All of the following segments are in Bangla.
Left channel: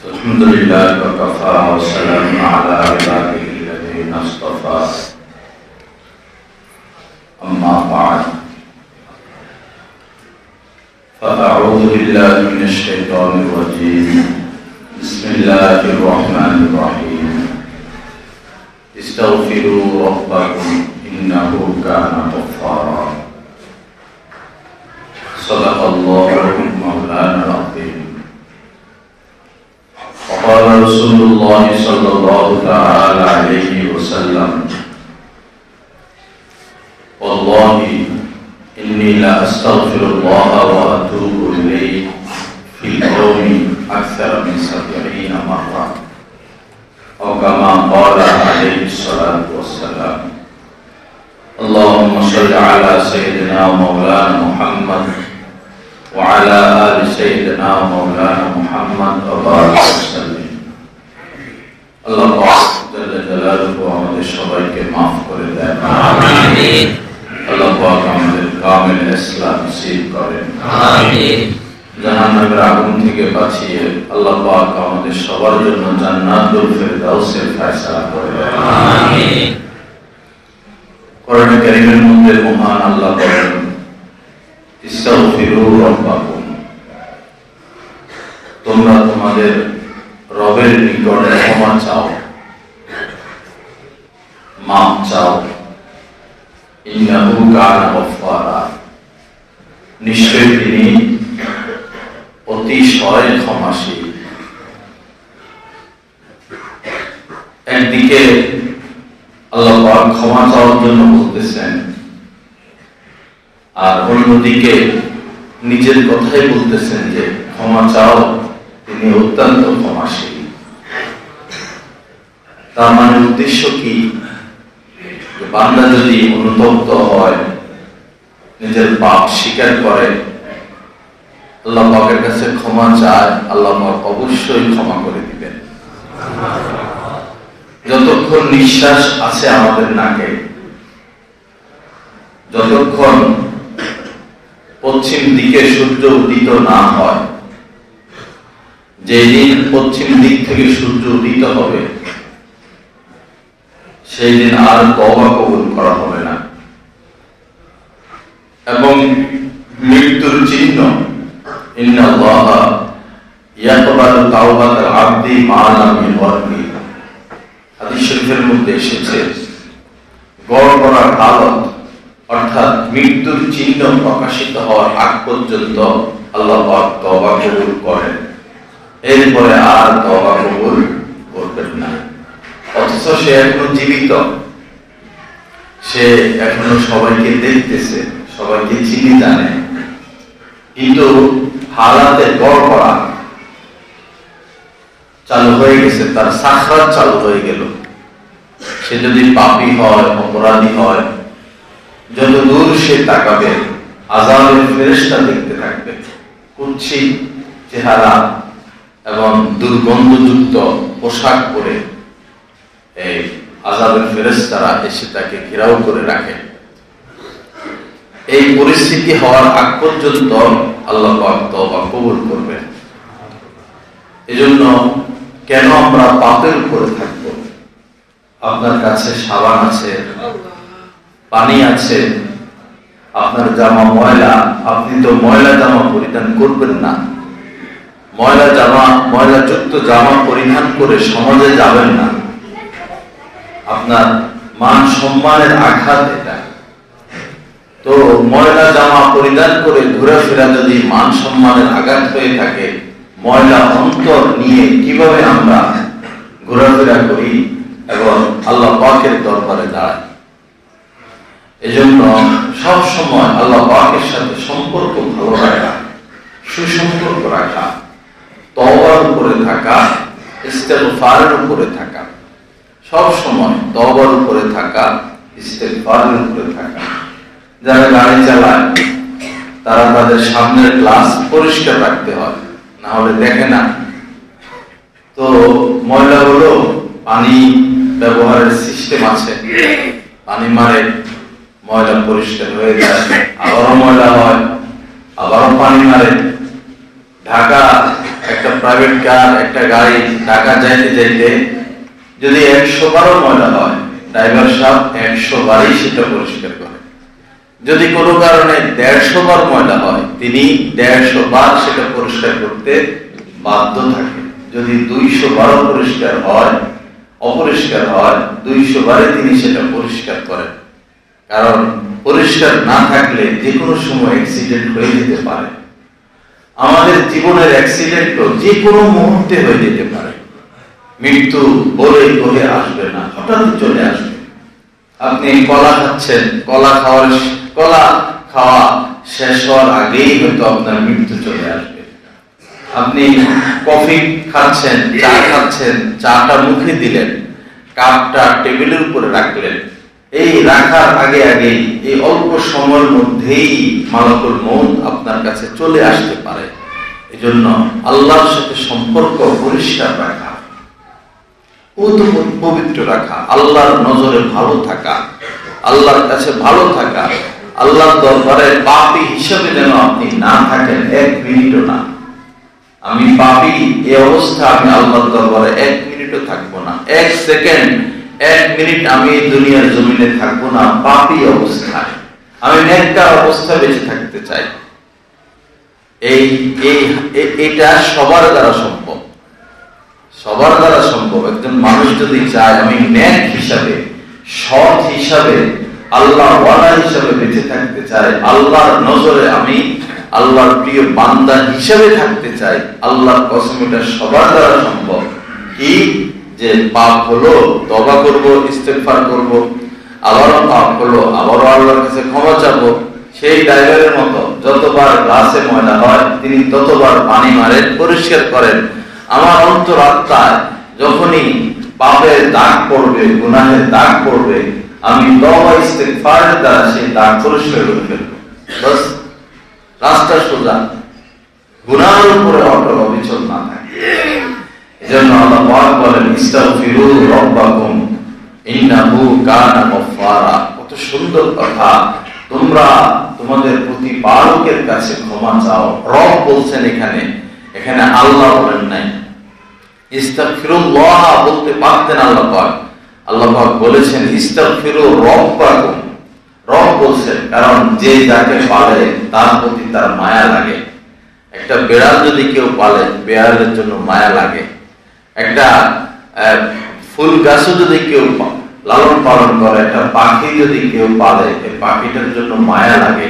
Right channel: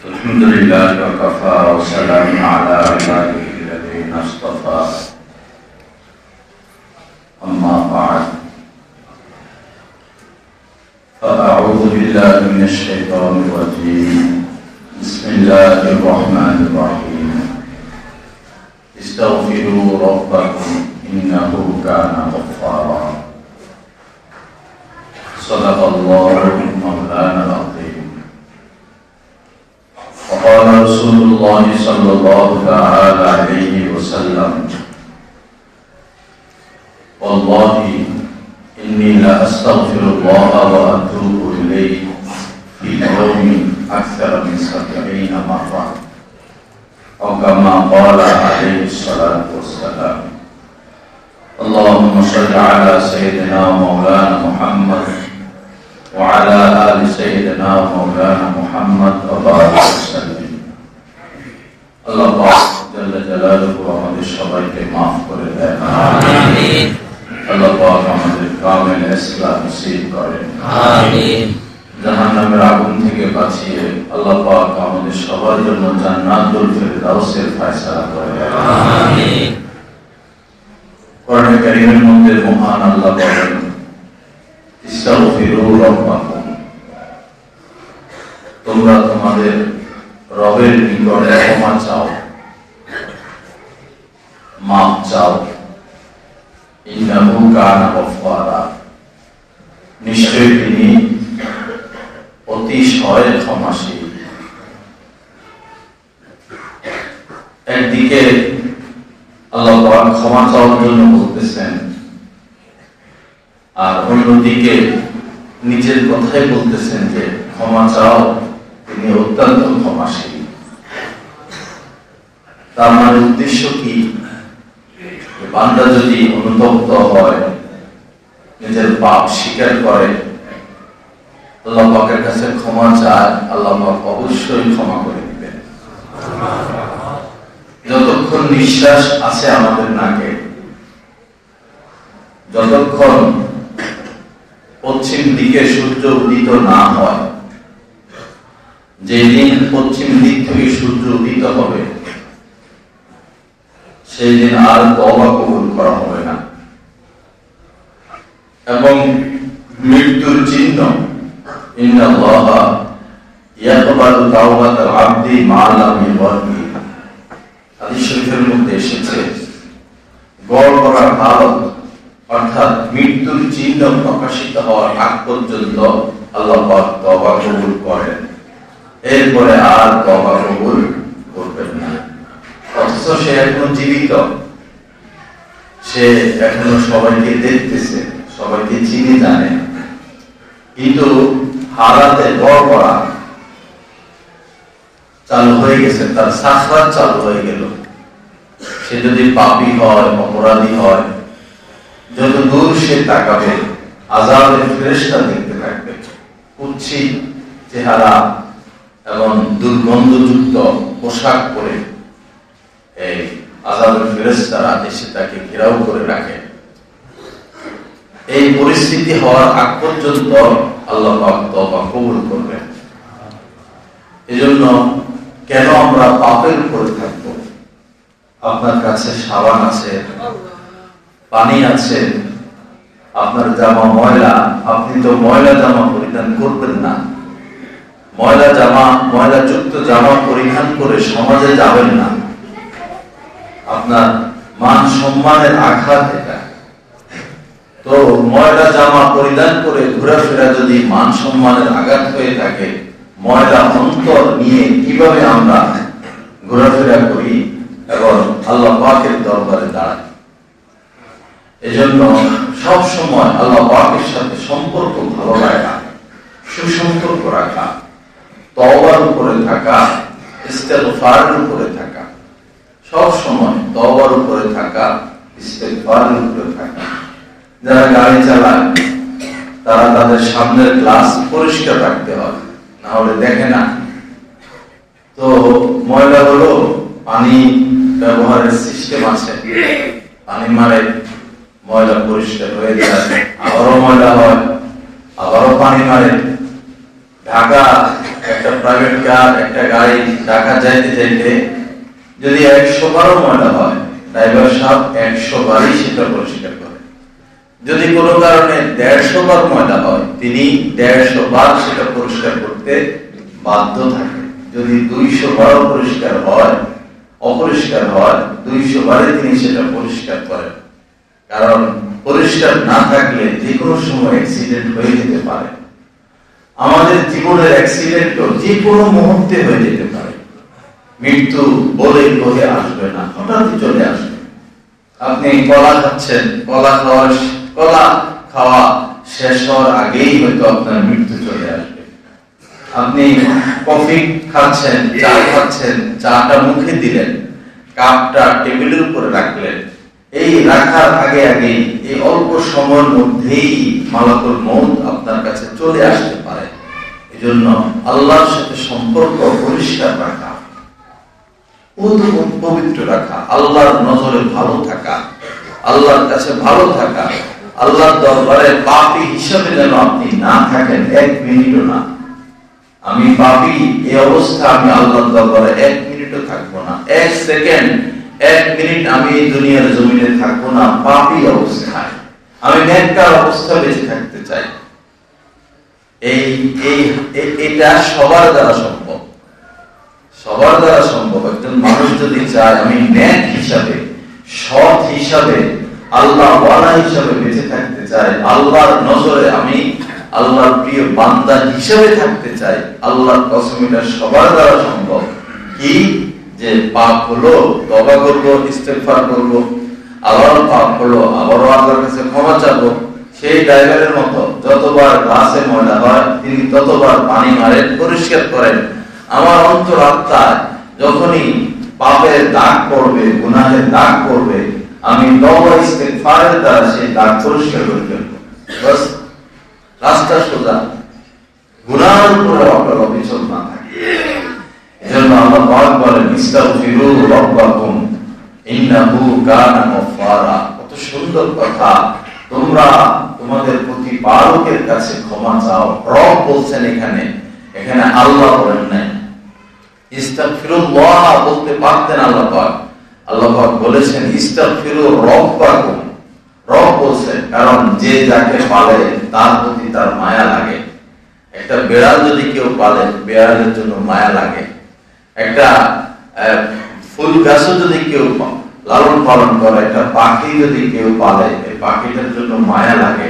الحمد لله وكفى وسلام على عباده الذين اصطفى أما بعد فأعوذ بالله من الشيطان الرجيم بسم الله الرحمن الرحيم استغفروا ربكم إنه كان غفارا صدق الله مولانا العظيم وقال رسول الله صلى الله تعالى عليه وسلم والله إني لا أستغفر الله وأتوب إليه في اليوم أكثر من 70 مرة أو كما قال عليه الصلاة والسلام اللهم صل على سيدنا ومولانا محمد وعلى آل سيدنا ومولانا محمد وبارك وسلم الله جل جلاله আমাদের সবাইকে maaf করে দেন আমিন আল্লাহ পাক আমাদের কামিল ইসলাম নসিব করেন আমিন জাহান্নামের আগুন থেকে বাঁচিয়ে আল্লাহ পাক আমাদের সবার জন্য জান্নাতুল ফেরদাউসের ফয়সালা করেন আমিন কোরআন কারীমের মধ্যে মহান আল্লাহ বলেন ইস্তাগফিরু রাব্বাকুম তোমরা তোমাদের রবের নিকটে ক্ষমা চাও মাফ চাও ইন্নাহু কানা গফফারা নিশ্চয়ই তিনি অতিশয় ক্ষমাশীল একদিকে আল্লাহ পাক ক্ষমা চাওয়ার জন্য বলতেছেন আর অন্যদিকে নিজের কথাই বলতেছেন যে ক্ষমা চাও তিনি অত্যন্ত ক্ষমাশীল তার মানে উদ্দেশ্য কি বান্দা যদি অনুতপ্ত হয় নিজের পাপ স্বীকার করে আল্লাহ পাকের কাছে ক্ষমা চায় আল্লাহ পাক অবশ্যই ক্ষমা করে দিবেন যতক্ষণ নিঃশ্বাস আছে আমাদের নাকে যতক্ষণ পশ্চিম দিকে সূর্য উদিত না হয় যেদিন পশ্চিম দিক থেকে সূর্য উদিত হবে সেই দিন আর তওবা কবুল করা হবে না এবং মৃত্যুর চিহ্ন ইন্নাল্লাহা ইয়াকবালু তাওবাতাল আবদি মা লাম ইগফির হাদিস শরীফের মধ্যে এসেছে গড় করা হালত অর্থাৎ মৃত্যুর চিহ্ন প্রকাশিত হওয়ার আগ পর্যন্ত আল্লাহ পাক তওবা কবুল করেন এরপরে আর তওবা কবুল করবেন না অথচ সে এখনো জীবিত সে এখনো সবাইকে দেখতেছে সবাইকে চিনি জানে কিন্তু হারাতে গড় করা চালু হয়ে গেছে তার সাখরাত চালু হয়ে গেল সে যদি পাপী হয় অপরাধী হয় যত দূর সে তাকাবে আযাবের ফেরেশতা দেখতে থাকবে কুৎসিত চেহারা এবং দুর্গন্ধযুক্ত পোশাক পরে এই আযাবের ফেরেশতারা এসে তাকে ঘেরাও করে রাখে এই পরিস্থিতি হওয়ার আগ পর্যন্ত আল্লাহ পাক তওবা কবুল করবেন এজন্য কেন আমরা পাপের উপরে থাকব আপনার কাছে সাবান আছে পানি আছে আপনার জামা ময়লা আপনি তো ময়লা জামা পরিধান করবেন না ময়লাযুক্ত জামা পরিধান করে সমাজে যাবেন না আপনার মান সম্মানের আঘাত এটা তো ময়লা জামা পরিধান করে ঘোরাফেরা যদি মান সম্মানের আঘাত হয়ে থাকে ময়লা অন্তর নিয়ে কিভাবে আমরা ঘোরাফেরা করি এবং আল্লাহ পাকের দরবারে দাঁড়াই এজন্য সব সময় আল্লাহ পাকের সাথে সম্পর্ক ভালো রাখা সুসম্পর্ক রাখা তওবার উপরে থাকা ইস্তেগফারের উপরে থাকা সব সময় তওবার উপরে থাকা ইস্তেগফারের উপরে থাকা যারা গাড়ি চালায় তারা তাদের সামনের গ্লাস পরিষ্কার রাখতে হয় না হলে দেখে না তো ময়লা হলো পানি ব্যবহারের সিস্টেম আছে পানি মারে ময়লা পরিষ্কার হয়ে যায় আবারও ময়লা হয় আবারও পানি মারে ঢাকা একটা একটা প্রাইভেট কার, একটা গাড়ি ঢাকা যাইতে যাইতে যদি 100 বারও ময়লা হয়, ড্রাইভার সাহেব 100 বারই সেটা পরিষ্কার করে। যদি কোনো কারণে 150 বার ময়লা হয়, তিনি 150 বার সেটা পরিষ্কার করতে বাধ্য থাকে। যদি 200 বারও পরিষ্কার হয়, অপরিষ্কার হয়, 200 বারে তিনি সেটা পরিষ্কার করেন। কারণ পরিষ্কার না থাকলে যে কোনো সময় অ্যাক্সিডেন্ট হয়ে যেতে পারে। আমাদের জীবনের অ্যাক্সিডেন্টও যে কোনো মুহূর্তে হয়ে যেতে পারে। মৃত্যু বলেই কহে আসবে না, হঠাৎ চলে আসবে। আপনি কলা খাচ্ছেন, কলা খাওয়া শেষ হওয়ার আগেই হয়তো আপনার মৃত্যু চলে আসবে। আপনি কফি খাচ্ছেন, চা খাচ্ছেন, চাটা মুখে দিলেন, কাপটা টেবিলের উপরে রাখলেন, এই রাখার আগে আগেই এই অল্প সময়ের মধ্যেই মালাকুল মউত আপনার কাছে চলে আসতে পারে। এজন্য আল্লাহর সাথে সম্পর্ক পরিষ্কার রাখা, পবিত্র রাখা, আল্লাহর নজরে ভালো থাকা, আল্লাহর কাছে ভালো থাকা, আল্লাহর দরবারে পাপী হিসেবে যেন আপনি না থাকেন 1 মিনিটও না। আমি পাপী, এই অবস্থা আমি আল্লাহর দরবারে 1 মিনিটও থাকবো না। 1 সেকেন্ড, 1 মিনিট আমি এই দুনিয়ার জমিনে থাকবো না পাপী অবস্থায়। আমি নেককার অবস্থায় বেঁচে থাকতে চাই। এটা সবার দ্বারা সম্ভব, সবার দ্বারা সম্ভব। একজন মানুষ যদি চায় আমি নেক হিসাবে, সৎ হিসাবে, আল্লাহ ওয়ালা হিসাবে বেঁচে থাকতে চাই, আল্লাহর নজরে আমি আল্লাহর প্রিয় বান্দা হিসাবে থাকতে চাই, আল্লাহর কসম এটা সবার দ্বারা সম্ভব। কি যে পাপ হলো তওবা করব, ইস্তেগফার করব, আবার পাপ হলো আবারও আল্লাহর কাছে ক্ষমা চাইবো। সেই ড্রাইভারের মতো যতবার গ্লাসে ময়লা হয় তিনি ততবার পানি মারেন, পরিষ্কার করেন। আমার অন্তরাত্মায় যখনই পাপের দাগ পড়বে, গুনাহের দাগ পড়বে, আমি তওবা ইস্তেগফারের দ্বারা সেই দাগ পরিষ্কার করে ফেলবো। বাস, রাস্তা সোজা, গুনাহের উপরে অটল অবিচল না থাকে। এজন্য আল্লাহ পাক বলেন ইস্তাগফিরু রাব্বাকুম ইন্নাহু কানা গফফারা। কত সুন্দর কথা। তোমরা তোমাদের প্রতিপালকের কাছে ক্ষমা চাও। রব বলছেন এখানে আল্লাহ বলেন নাই। ইস্তাগফিরুল্লাহ বলতে পারতেন আল্লাহ পাক। আল্লাহ পাক বলেছেন ইস্তাগফিরু রাব্বাকুম। রব বলছেন কারণ যে যাকে পালে তার প্রতি তার মায়া লাগে। একটা বিড়াল যদি কেউ পালে, বিড়ালের জন্য মায়া লাগে। একটা ফুল গাছও যদি কেউ লালন পালন করে, একটা পাখি যদি কেউ পালে, এই পাখিটার জন্য মায়া লাগে,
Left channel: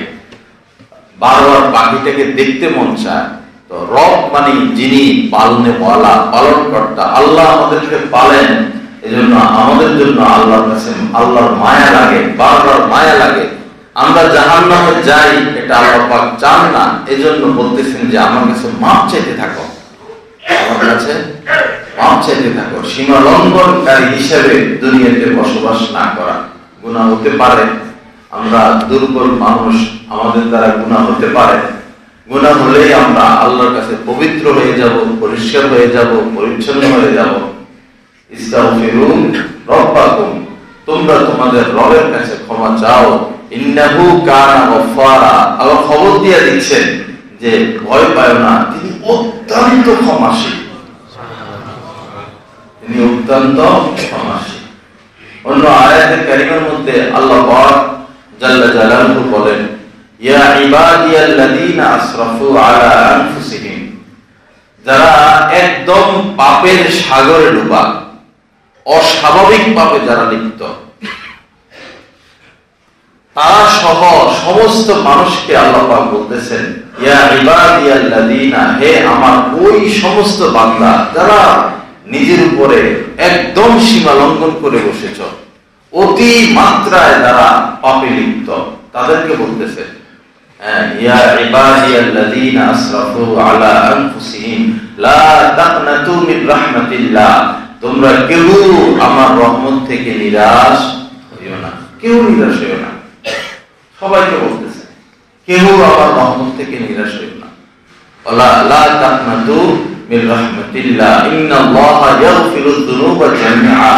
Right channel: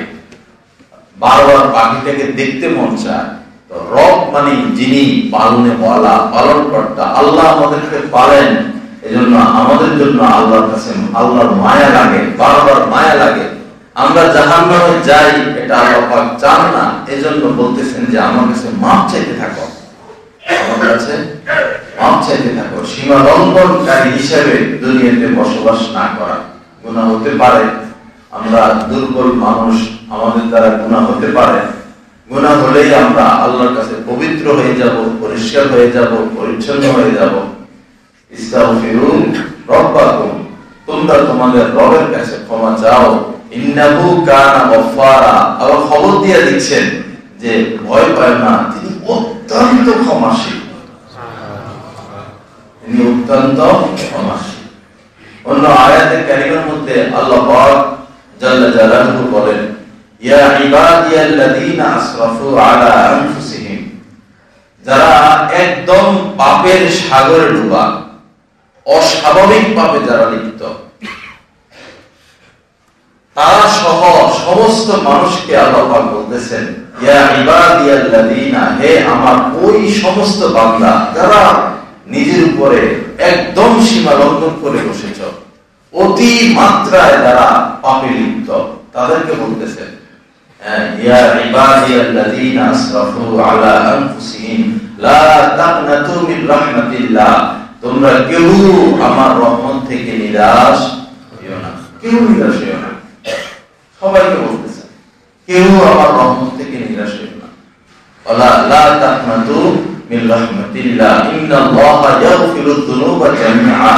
বারবার পাখিটাকে দেখতে মন চায়। তো রব মানে যিনি পালনেওয়ালা, পালনকর্তা, আল্লাহ আমাদেরকে পালেন, এজন্য আমাদের জন্য আল্লাহর কাছে আল্লাহর মায়া লাগে, বারবার মায়া লাগে। আমরা জাহান্নামে যাই এটা আল্লাহ পাক চান না, এজন্য বলতেছেন যে আমার কাছে মাপ চাইতে থাকো, আমার কাছে মাপ চাইতে থাকো। সীমা লঙ্ঘনকারী হিসেবে দুনিয়াতে বসবাস না করা। গুনাহ হতে পারে, আমরা দুর্বল মানুষ, আমাদের দ্বারা গুনাহ হতে পারে। গুনাহ হলেই আমরা আল্লাহর কাছে পবিত্র হয়ে যাব, পরিষ্কার হয়ে যাব, পরিচ্ছন্ন হয়ে যাব। ইস্তাগফিরু রাব্বাকুম, তোমরা তোমাদের রবের কাছে ক্ষমা চাও। ইন্নাহু কানা গফফারা, আল্লাহ খবর দিয়ে দিচ্ছেন যে ভয় পায় না, তিনি অত্যন্ত ক্ষমাশীল, তিনি অত্যন্ত ক্ষমাশীল। অন্য আয়াতে কারিমার মধ্যে আল্লাহ পাক জাল্লা জালালুহু বলেন ইয়া ইবাদিয়াল্লাযীনা আসরাফু আলা আনফুসিহিম, যারা একদম পাপের সাগরে ডুবা, অস্বাভাবিক পাপে যারা লিপ্ত, তারা সহ সমস্ত মানুষকে আল্লাহ পাক বলতেছেন ইয়া ইবাদিয়াল্লাযীনা, হে আমার ওই সমস্ত বান্দা যারা নিজের উপরে একদম সীমা লঙ্ঘন করে বসেছ, অতি মাত্রায় যারা পাপে লিপ্ত, তাদেরকে বলতেছেন ইয়া ইবাদিয়াল্লাযীনা আসরাফু আলা আনফুসিহিম লা তাকনাতু মিন রাহমাতিল্লাহ, তোমরা কেউ আমার রহমত থেকে নিরাশ হইও না, কেউ নিরাশ হইও না। সবাইকে বলতেছে কেউ আমার রহমত থেকে নিরাশ হইও না। ওয়ালা লা তাকনাতু মিন রাহমাতিল্লাহ ইন্নাল্লাহা ইয়াগফিরুয যুনুবা জামিআ।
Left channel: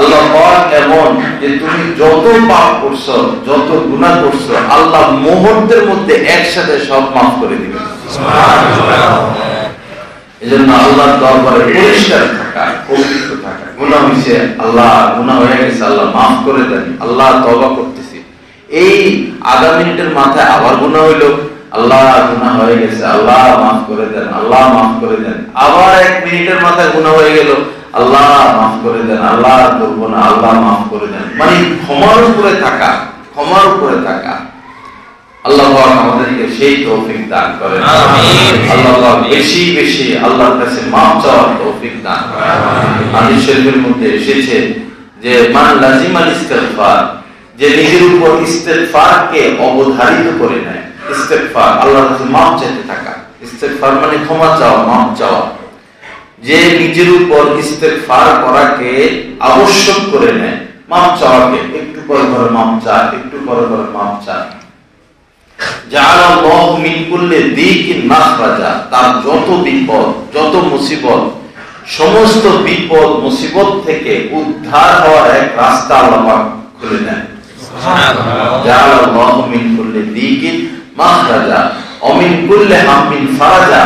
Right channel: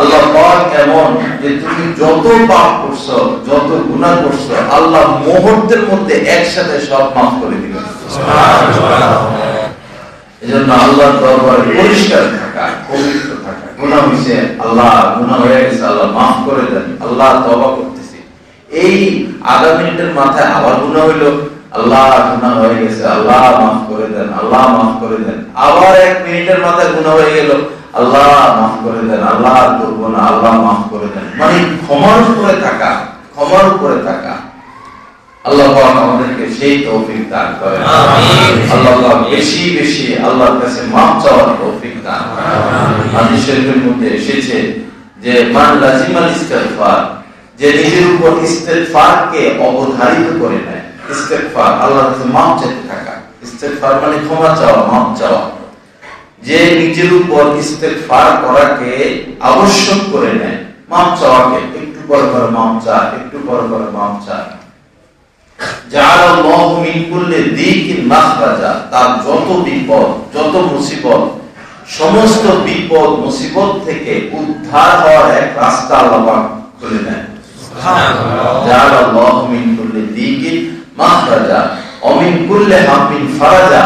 আল্লাহ পাক এমন যে তুমি যত পাপ করছো, যত গুনাহ করছো, আল্লাহ মুহূর্তের মধ্যে একসাথে সব মাফ করে দিবেন। সুবহানাল্লাহ। এজন্য আল্লাহর দরবারে পরিষ্কার থাকা, পবিত্র থাকা। গুনাহ হইছে, আল্লাহ গুনাহ হয়ে গেছে, আল্লাহ মাফ করে দেন, আল্লাহ তওবা করতেছি, এই আধা মিনিটের মাথায় আবার গুনাহ হইলো, আল্লাহ গুনাহ হয়ে গেছে, আল্লাহ মাফ করে দেন, আল্লাহ মাফ করে দেন। আবার 1 মিনিটের মাথায় গুনাহ হয়ে গেল, আল্লাহ মাফ করে দেন, আল্লাহ করব না, আল্লাহ মাফ করে দেন। মানে ক্ষমার উপরে থাকা, ক্ষমার উপরে থাকা। আল্লাহ পাক আমাদেরকে সেই তৌফিক দান করেন। আমিন। আল্লাহ পাক বেশি বেশি আল্লাহর কাছে মাফ চাওয়ার তৌফিক দান করেন। আমিন। হাদিস শরীফের মধ্যে এসেছে যে মান লাজিমাল ইস্তিগফার, যে নিজের উপর ইস্তিগফারকে অবধারিত করে নেয়। ইস্তিগফার আল্লাহর কাছে মাফ চাইতে থাকা, ইস্তিগফার মানে ক্ষমা চাওয়া, মাফ চাওয়া। যে নিজের উপর ইস্তিগফার করাকে আবশ্যক করে নেয়, মাফ চাওয়াকে, একটু পর পর মাফ চা, একটু পর পর মাফ চা। জাআলাল্লাহু মিন কুল্লি যিকিন মাখরাজা, তার যত বিপদ, যত মুসিবত, সমস্ত বিপদ মুসিবত থেকে উদ্ধার হওয়ার এক রাস্তা আল্লাহ পাক খুলে দেন। সুবহানাল্লাহ। জাআলাল্লাহু মিন কুল্লি যিকিন মাখরাজা ওয়া মিন কুল্লি হামিন ফারাজা,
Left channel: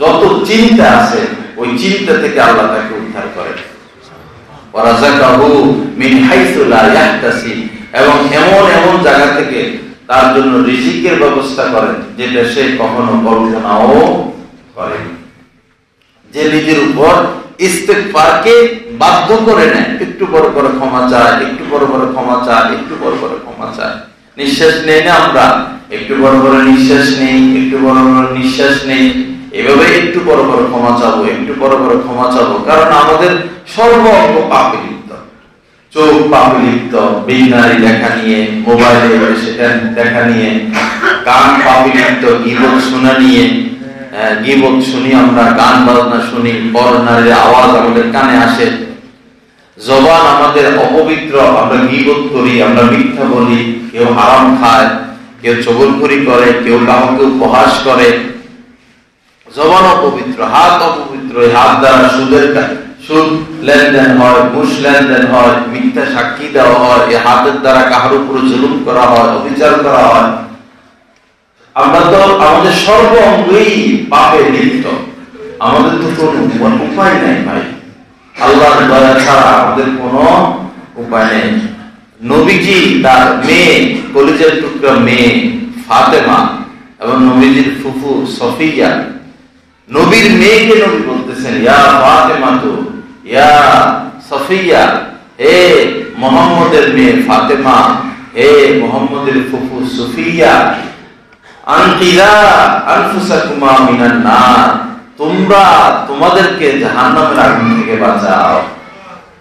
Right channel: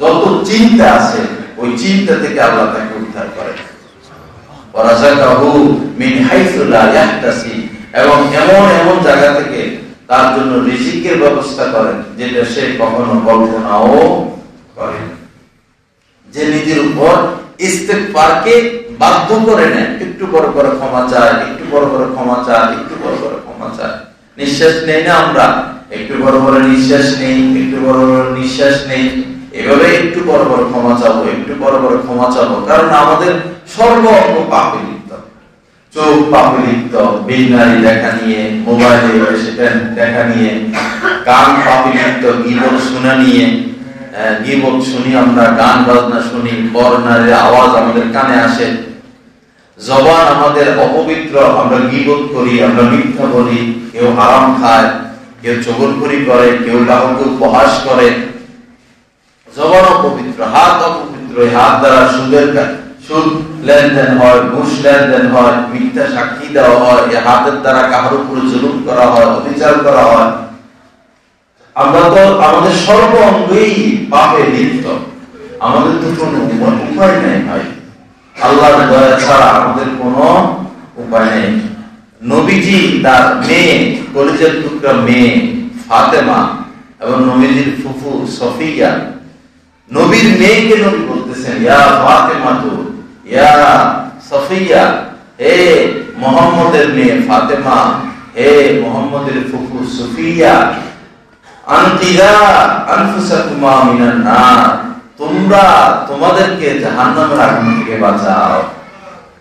যত চিন্তা আছে ওই চিন্তা থেকে আল্লাহ তাকে উদ্ধার করেন। ওয়া রাযাকাহু মিন হাইসু লা ইয়াহতাসিব, এবং এমন এমন জায়গা থেকে তার জন্য রিজিকের ব্যবস্থা করেন যেটা সে কখনো কল্পনাও করেনি। যে নিজের উপর ইস্তিগফারকে বাধ্য করে নেয়, একটু বড় বড় ক্ষমা চায়, একটু বড় বড় ক্ষমা চায়, একটু বড় বড় ক্ষমা চায়। নিঃশ্বাস নেই না আমরা, একটু বড় বড় নিঃশ্বাস নেই, একটু বড় বড় নিঃশ্বাস নেই, এভাবে একটু বড় বড় ক্ষমা চাবো, একটু বড় বড় ক্ষমা চাবো। কারণ আমাদের সর্ব অঙ্গ পাপে লিপ্ত, চোখ পাপে লিপ্ত, বিনারী দেখা নিয়ে, মোবাইলে সেটা দেখা নিয়ে, কান পাপে লিপ্ত, গীবত শোনা নিয়ে, গীবত শুনি আমরা, গান বাজনা শুনি, পরনারীর আওয়াজ আমাদের কানে আসে, জবান আমাদের অপবিত্র, আমরা গীবত করি, আমরা মিথ্যা বলি, কেউ হারাম খায়, কেউ চগলখড়ি করে, কেউ কাউকে উপহাস করে, জবান অপবিত্র, হাত অপবিত্র, হাত দ্বারা সুদ লেনদেন হয়, ঘুষ লেনদেন হয়, মিথ্যা সাক্ষী দেওয়া হয়, এই হাতের দ্বারা কাহার উপর জুলুম করা হয়, অবিচার করা হয়। আমরা তো আমাদের সর্ব অঙ্গই পাপে লিপ্ত, আমাদের তো কোনো উপায় নেই ভাই, আল্লাহর দয়া ছাড়া আমাদের কোনো উপায় নেই। নবীজি তার মেয়ে, কলিজার টুকরা মেয়ে ফাতেমা এবং নবীজির ফুফু সফিয়া, নবীর মেয়েকে নবী বলতেছেন ইয়া ফাতেমা, তো ইয়া সফিয়া, হে মুহাম্মদের মেয়ে ফাতেমা, হে মুহাম্মদের ফুফু সফিয়া, আনকিয়া আনফুসাকুমা মিনান নার, তোমরা তোমাদেরকে জাহান্নামের আগুন থেকে বাঁচাও।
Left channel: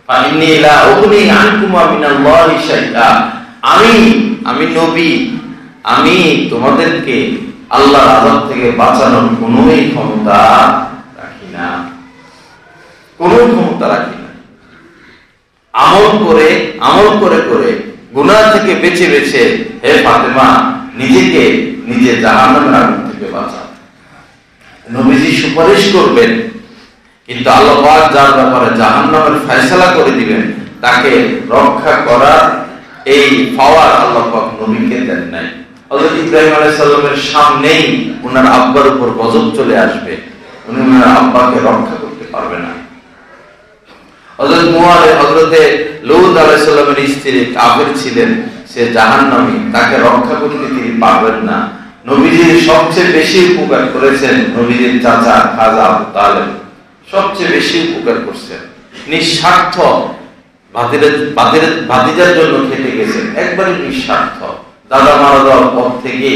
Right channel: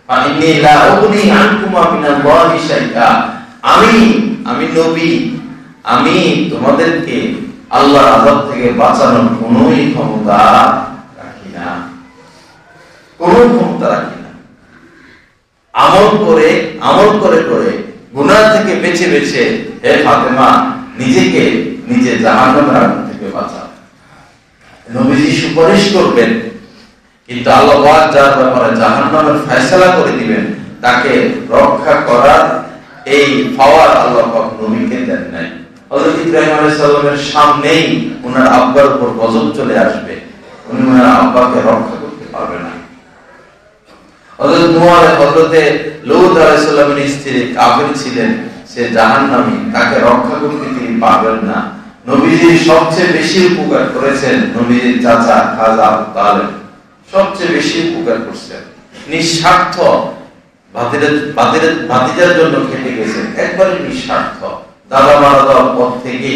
ফাইন্নী লা উগনি আনকুমা মিনাল্লাহি শাইআ, আমি নবী, আমি তোমাদেরকে আল্লাহর আযাব থেকে বাঁচানোর কোনো ক্ষমতা রাখি না, কোনো ক্ষমতা রাখি না। আমল করে করে গুনাহ থেকে বেঁচে বেঁচে হে ফাতেমা নিজেকে নিজে জাহান্নামের আগুন থেকে বাঁচাও। নবীজি সুপারিশ করবেন, কিন্তু আল্লাহ পাক যার ব্যাপারে জাহান্নামের ফয়সালা করে দিবেন, তাকে রক্ষা করার এই পাওয়ার আল্লাহ পাক নবীকে দেন নাই। হযরত ইব্রাহিম আলাইহিস সালামের সামনেই ওনার আব্বার উপর গজব চলে আসবে, উনি ওনার আব্বাকে রক্ষা করতে পারবেন না। হযরত লূত আলাইহিস সালামের স্ত্রী কাফির ছিলেন, সে জাহান্নামী, তাকে রক্ষা করতে তিনি পারবেন না। নবীজির সবচেয়ে বেশি উপকার করেছেন নবীজির চাচা খাজা আবু তালেব, সবচেয়ে বেশি উপকার করছেন, নিঃস্বার্থ, ভাতিজার জন্য খেটে গেছেন, একবারে নিঃস্বার্থ। দাদা মারা যাওয়ার পর থেকে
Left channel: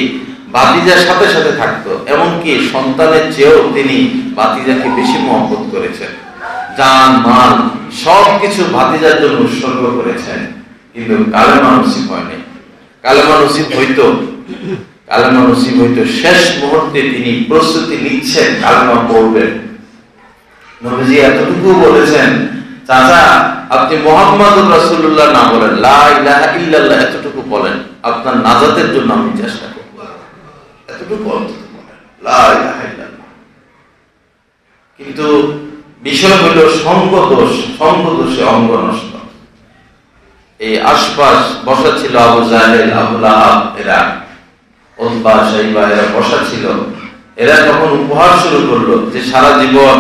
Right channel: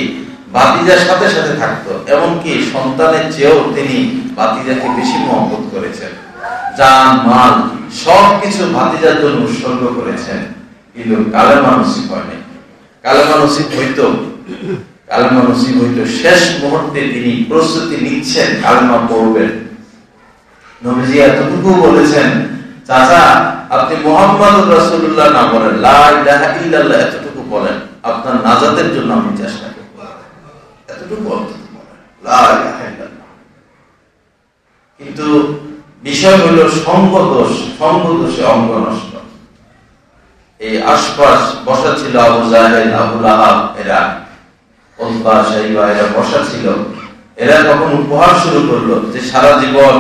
ভাতিজার সাথে সাথে থাকতো, এমনকি সন্তানের চেয়েও তিনি ভাতিজাকে বেশি মহব্বত করেছেন, জান মাল সবকিছু ভাতিজার জন্য উৎসর্গ করেছেন। কিন্তু কালেমা নসিব হয়নি। কালেমা নসিব হইতো শেষ মুহূর্তে তিনি প্রস্তুতি নিচ্ছেন কালেমা পড়বেন। নবীজি এতটুকু বলেছেন, চাচা আপনি মুহাম্মাদুর রাসূলুল্লাহ না বলেন, লা ইলাহা ইল্লাল্লাহ এতটুকু বলেন, আপনার নাজাতের জন্য আমি চেষ্টা করব, এতটুকু বলেন, লা ইলাহা ইল্লাল্লাহ। কিন্তু বিষয় হলো সঙ্গদোষে অঙ্গ নষ্ট। এই আশপাশ বসা ছিল আবু জাহেল, আবু লাহাব, এরা উতবা, শাইবা, এরা বসা ছিল। এরা তখন উপহার শুরু করলো যে সারা জীবন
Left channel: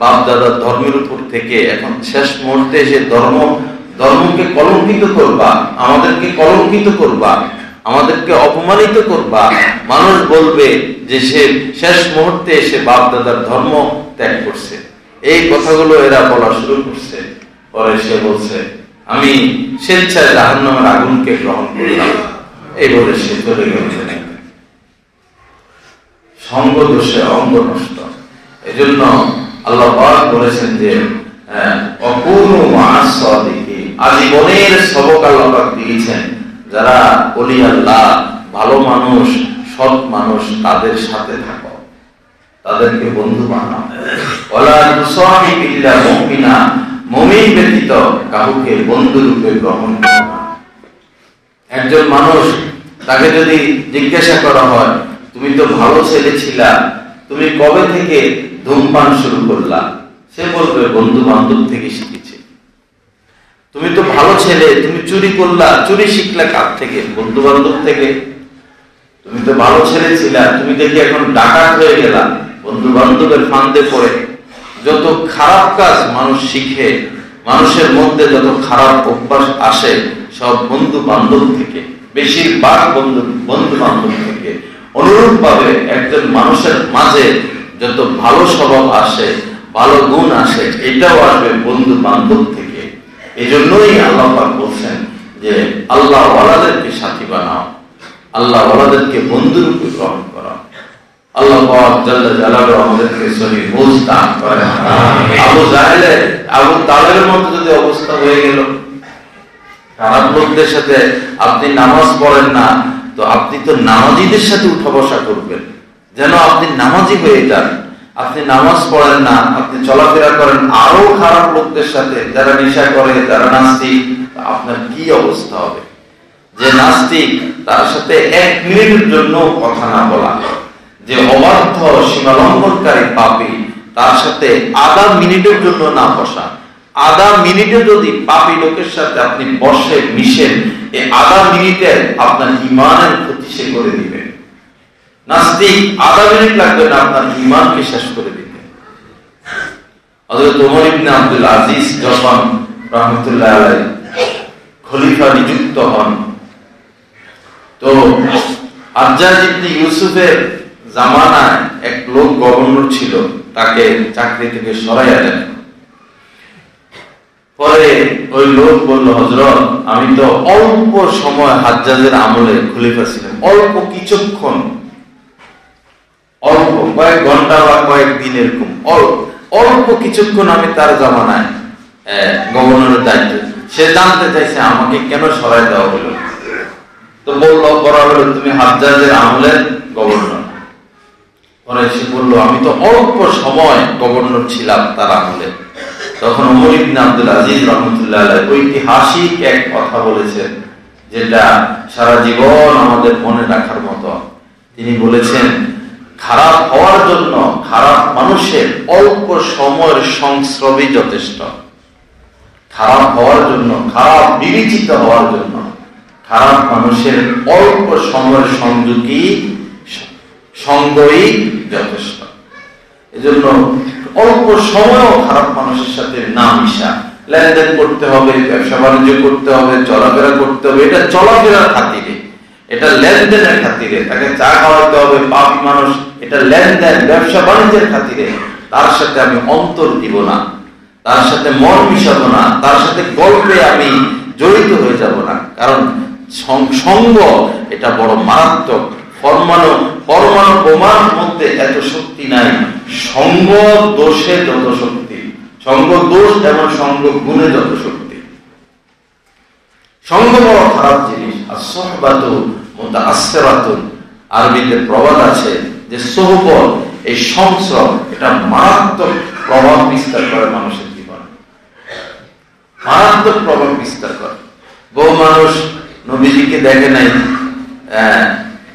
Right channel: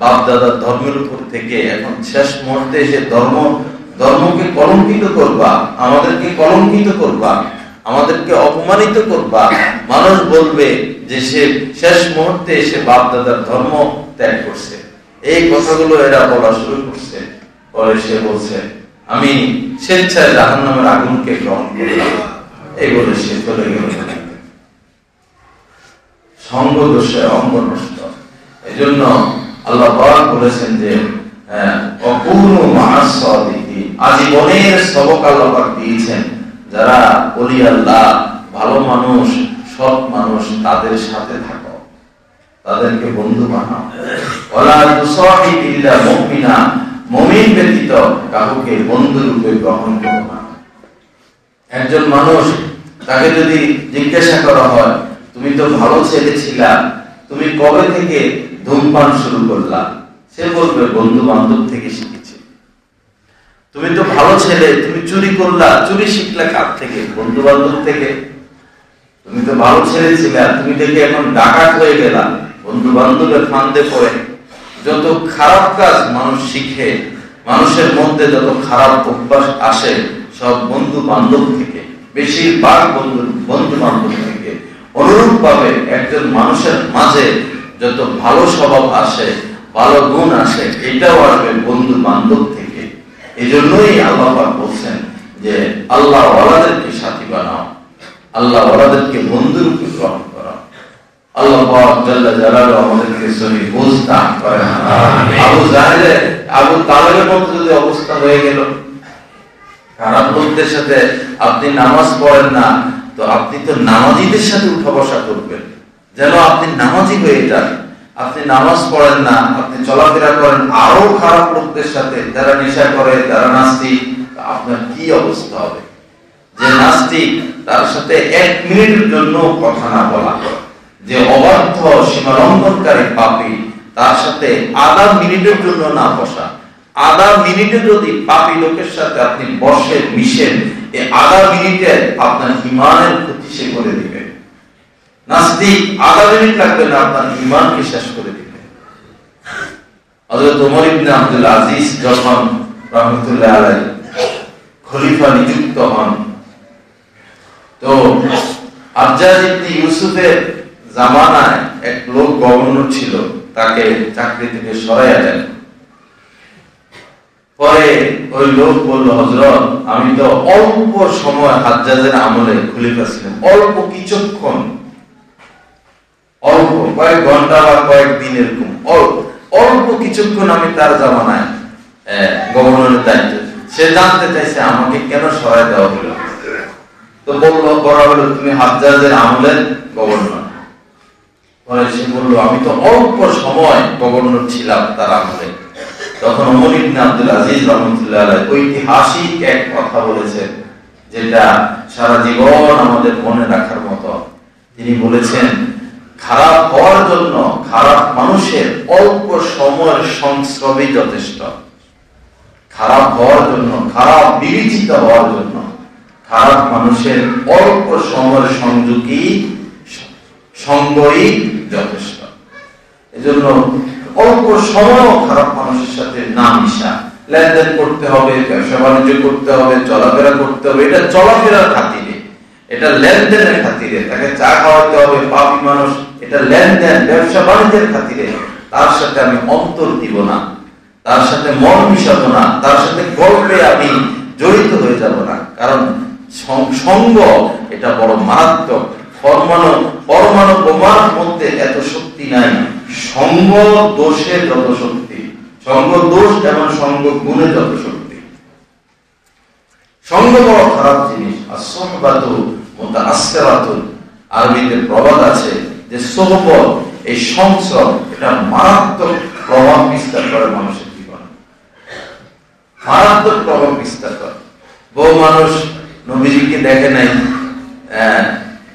বাপ দাদার ধর্মের উপর থেকে এখন শেষ মুহূর্তে এসে ধর্মকে কলঙ্কিত করবা, আমাদেরকে কলঙ্কিত করবা, আমাদেরকে অপমানিত করবা, মানুষ বলবে যে সে শেষ মুহূর্তে এসে বাপ দাদার ধর্ম ত্যাগ করছে। এই কথাগুলো এরা বলা শুরু করছে। পরে সে বলছে আমি স্বেচ্ছায় জাহান্নামের আগুনকে গ্রহণ করলাম, এই বলে সে চলে গেল। সঙ্গ দোষে অঙ্গ নষ্ট। এই জন্য আল্লাহ পাক বলেছেন যে অকুনু মা'আস সাদিকিন, আজীবনের সবক আল্লাহ পাক দিয়েছেন যারা ওলি আল্লাহ, ভালো মানুষ, সৎ মানুষ, তাদের সাথে থাকো, তাদেরকে বন্ধু বানাও। ওয়ালা তুসাহিব ইল্লা মুমিনা, মুমিন ব্যতীত কাউকে বন্ধু রূপে গ্রহণ করো না। একজন মানুষ, তাকে যদি জিজ্ঞাসা করা হয় তুমি তো ভালো ছেলে ছিলা, তুমি কবে থেকে ধূমপান শুরু করলা, সে বলবে বন্ধু বান্ধব থেকে শিখেছে। তুমি তো ভালো ছেলে, তুমি চুরি করলা, চুরি শিখলা কার থেকে? বন্ধু বান্ধব থেকে। তুমি তো ভালো ছেলে ছিলা, তুমি দেখি এখন ডাকাত হয়ে গেলা, বন্ধু বান্ধবের ফান্দে পড়ে। যত খারাপ কাজ মানুষ শিখে, মানুষের মধ্যে যত খারাপ অভ্যাস আসে সব বন্ধু বান্ধব থেকে, বেশিরভাগ বন্ধু বান্ধব থেকে। অনুরূপ ভাবে একজন মানুষের মাঝে যত ভালো স্বভাব আসে, ভালো গুণ আসে, এটাও আসবে বন্ধু বান্ধব থেকে। এই জন্যই আল্লাহ পাক বলছেন যে আল্লাহ ওয়ালাদেরকে সাথী বানাও, আল্লাহ ওয়ালাদেরকে বন্ধু রূপে গ্রহণ করো। আল্লাহ পাক জাল্লা জালালুহু আমাদেরকে সহি বুঝ দান করেন। আবু তালেবের মতো যদি অবস্থা হয়ে গেল, খারাপ লোকদের সাথে আপনি নামাজ পড়েন না, তো আপনি তো নামাজিদের সাথে উঠা বসা করবেন, যেন আপনি নামাজি হয়ে যান। আপনি নামাজ পড়েন না, আপনি চলাফেরা করেন আরো খারাপ লোকদের সাথে, যারা নেশা করে, যারা নাস্তিক, আপনার কি অবস্থা হবে? যে নাস্তিক, তার সাথে 1 মিনিটের জন্য কথা না বলা, যে অবাধ্য সীমালঙ্ঘনকারী পাপী, তার সাথে আধা মিনিটের জন্য না বসা। আধা মিনিটে যদি পাপী লোকের সাথে আপনি বসে মিশেন, এই আধা মিনিটে আপনার ঈমানের ক্ষতি সে করে দিবে। নাস্তিক আধা মিনিট লাগবে না আপনার ঈমানকে শেষ করে দিবে। হযরত ওমর ইবনে আব্দুল আজিজ যখন রাহমাতুল্লাহ আলাইহি খলিফা নিযুক্ত হন, তো হাজ্জাজ ইবনে ইউসুফের জামানায় এক লোক গভর্নর ছিল, তাকে চাকরি থেকে সরাইয়া দেন। পরে ওই লোক বলল, হযরত আমি তো অল্প সময় হাজ্জাজের আমলে খলিফা ছিলাম, অল্প কিছুক্ষণ, অল্প কয়েক ঘন্টা বা কয়েক দিন, এরকম অল্প কিছুক্ষণ আমি তার জামানায় গভর্নরের দায়িত্ব। সে জানতে চাইছে আমাকে কেন সরাই দেওয়া হলো। তো বলা হলো তুমি হাজ্জাজের আমলের গভর্নর। পরে সে বলল আমি তো অল্প সময় গভর্নর ছিলাম তার আমলে। তখন ওমর ইবনে আব্দুল আজিজ রাহমাতুল্লাহ আলাইহি ঐতিহাসিক এক কথা বলেছেন, যেটা সারা জীবন আমাদের মনে রাখার মতো। তিনি বলেছেন, খারাপ হওয়ার জন্য খারাপ মানুষের অল্প সময়ের সংস্রবই যথেষ্ট। খারাপ হওয়ার জন্য, খারাপ বিবেচিত হওয়ার জন্য খারাপ মানুষের অল্প সময়ের সঙ্গই যথেষ্ট। এজন্য অল্প সময় খারাপ মানুষের সাথে না মিশা, লেনদেন করতে হবে, ব্যবসা বাণিজ্য করতে হবে, চলাফেরা করতে হবে, এটা চলাফেরার খাতিরে, এটা লেনদেনের খাতিরে। তাকে চা খাওয়াতে হবে, পাপী মানুষ, এটা লেনদেন ব্যবসা বাণিজ্যের খাতিরে। তার সাথে আমি অন্তর দিব না, তার সাথে মন মিশাবো না, তার সাথে গল্পে আমি জড়িত হয়ে যাব না। কারণ সঙ্গ এটা বড় মারাত্মক। পরমাণু বোমার মধ্যে এত শক্তি নাই সঙ্গ দোষে যত শক্তি। সঙ্গ দোষ যেমন সঙ্গ গুণে যত শক্তি। সঙ্গ বড় খারাপ জিনিস। আর সোহবাতু মুতাআসসিরাতুন, আরবিতে প্রবাদ আছে যে সোহবত, এই সংস্রব, এটা মারাত্মক প্রভাব বিস্তার করে মানুষের জীবনে, মারাত্মক প্রভাব বিস্তার করে। বহু মানুষ নবীজিকে দেখে নাই,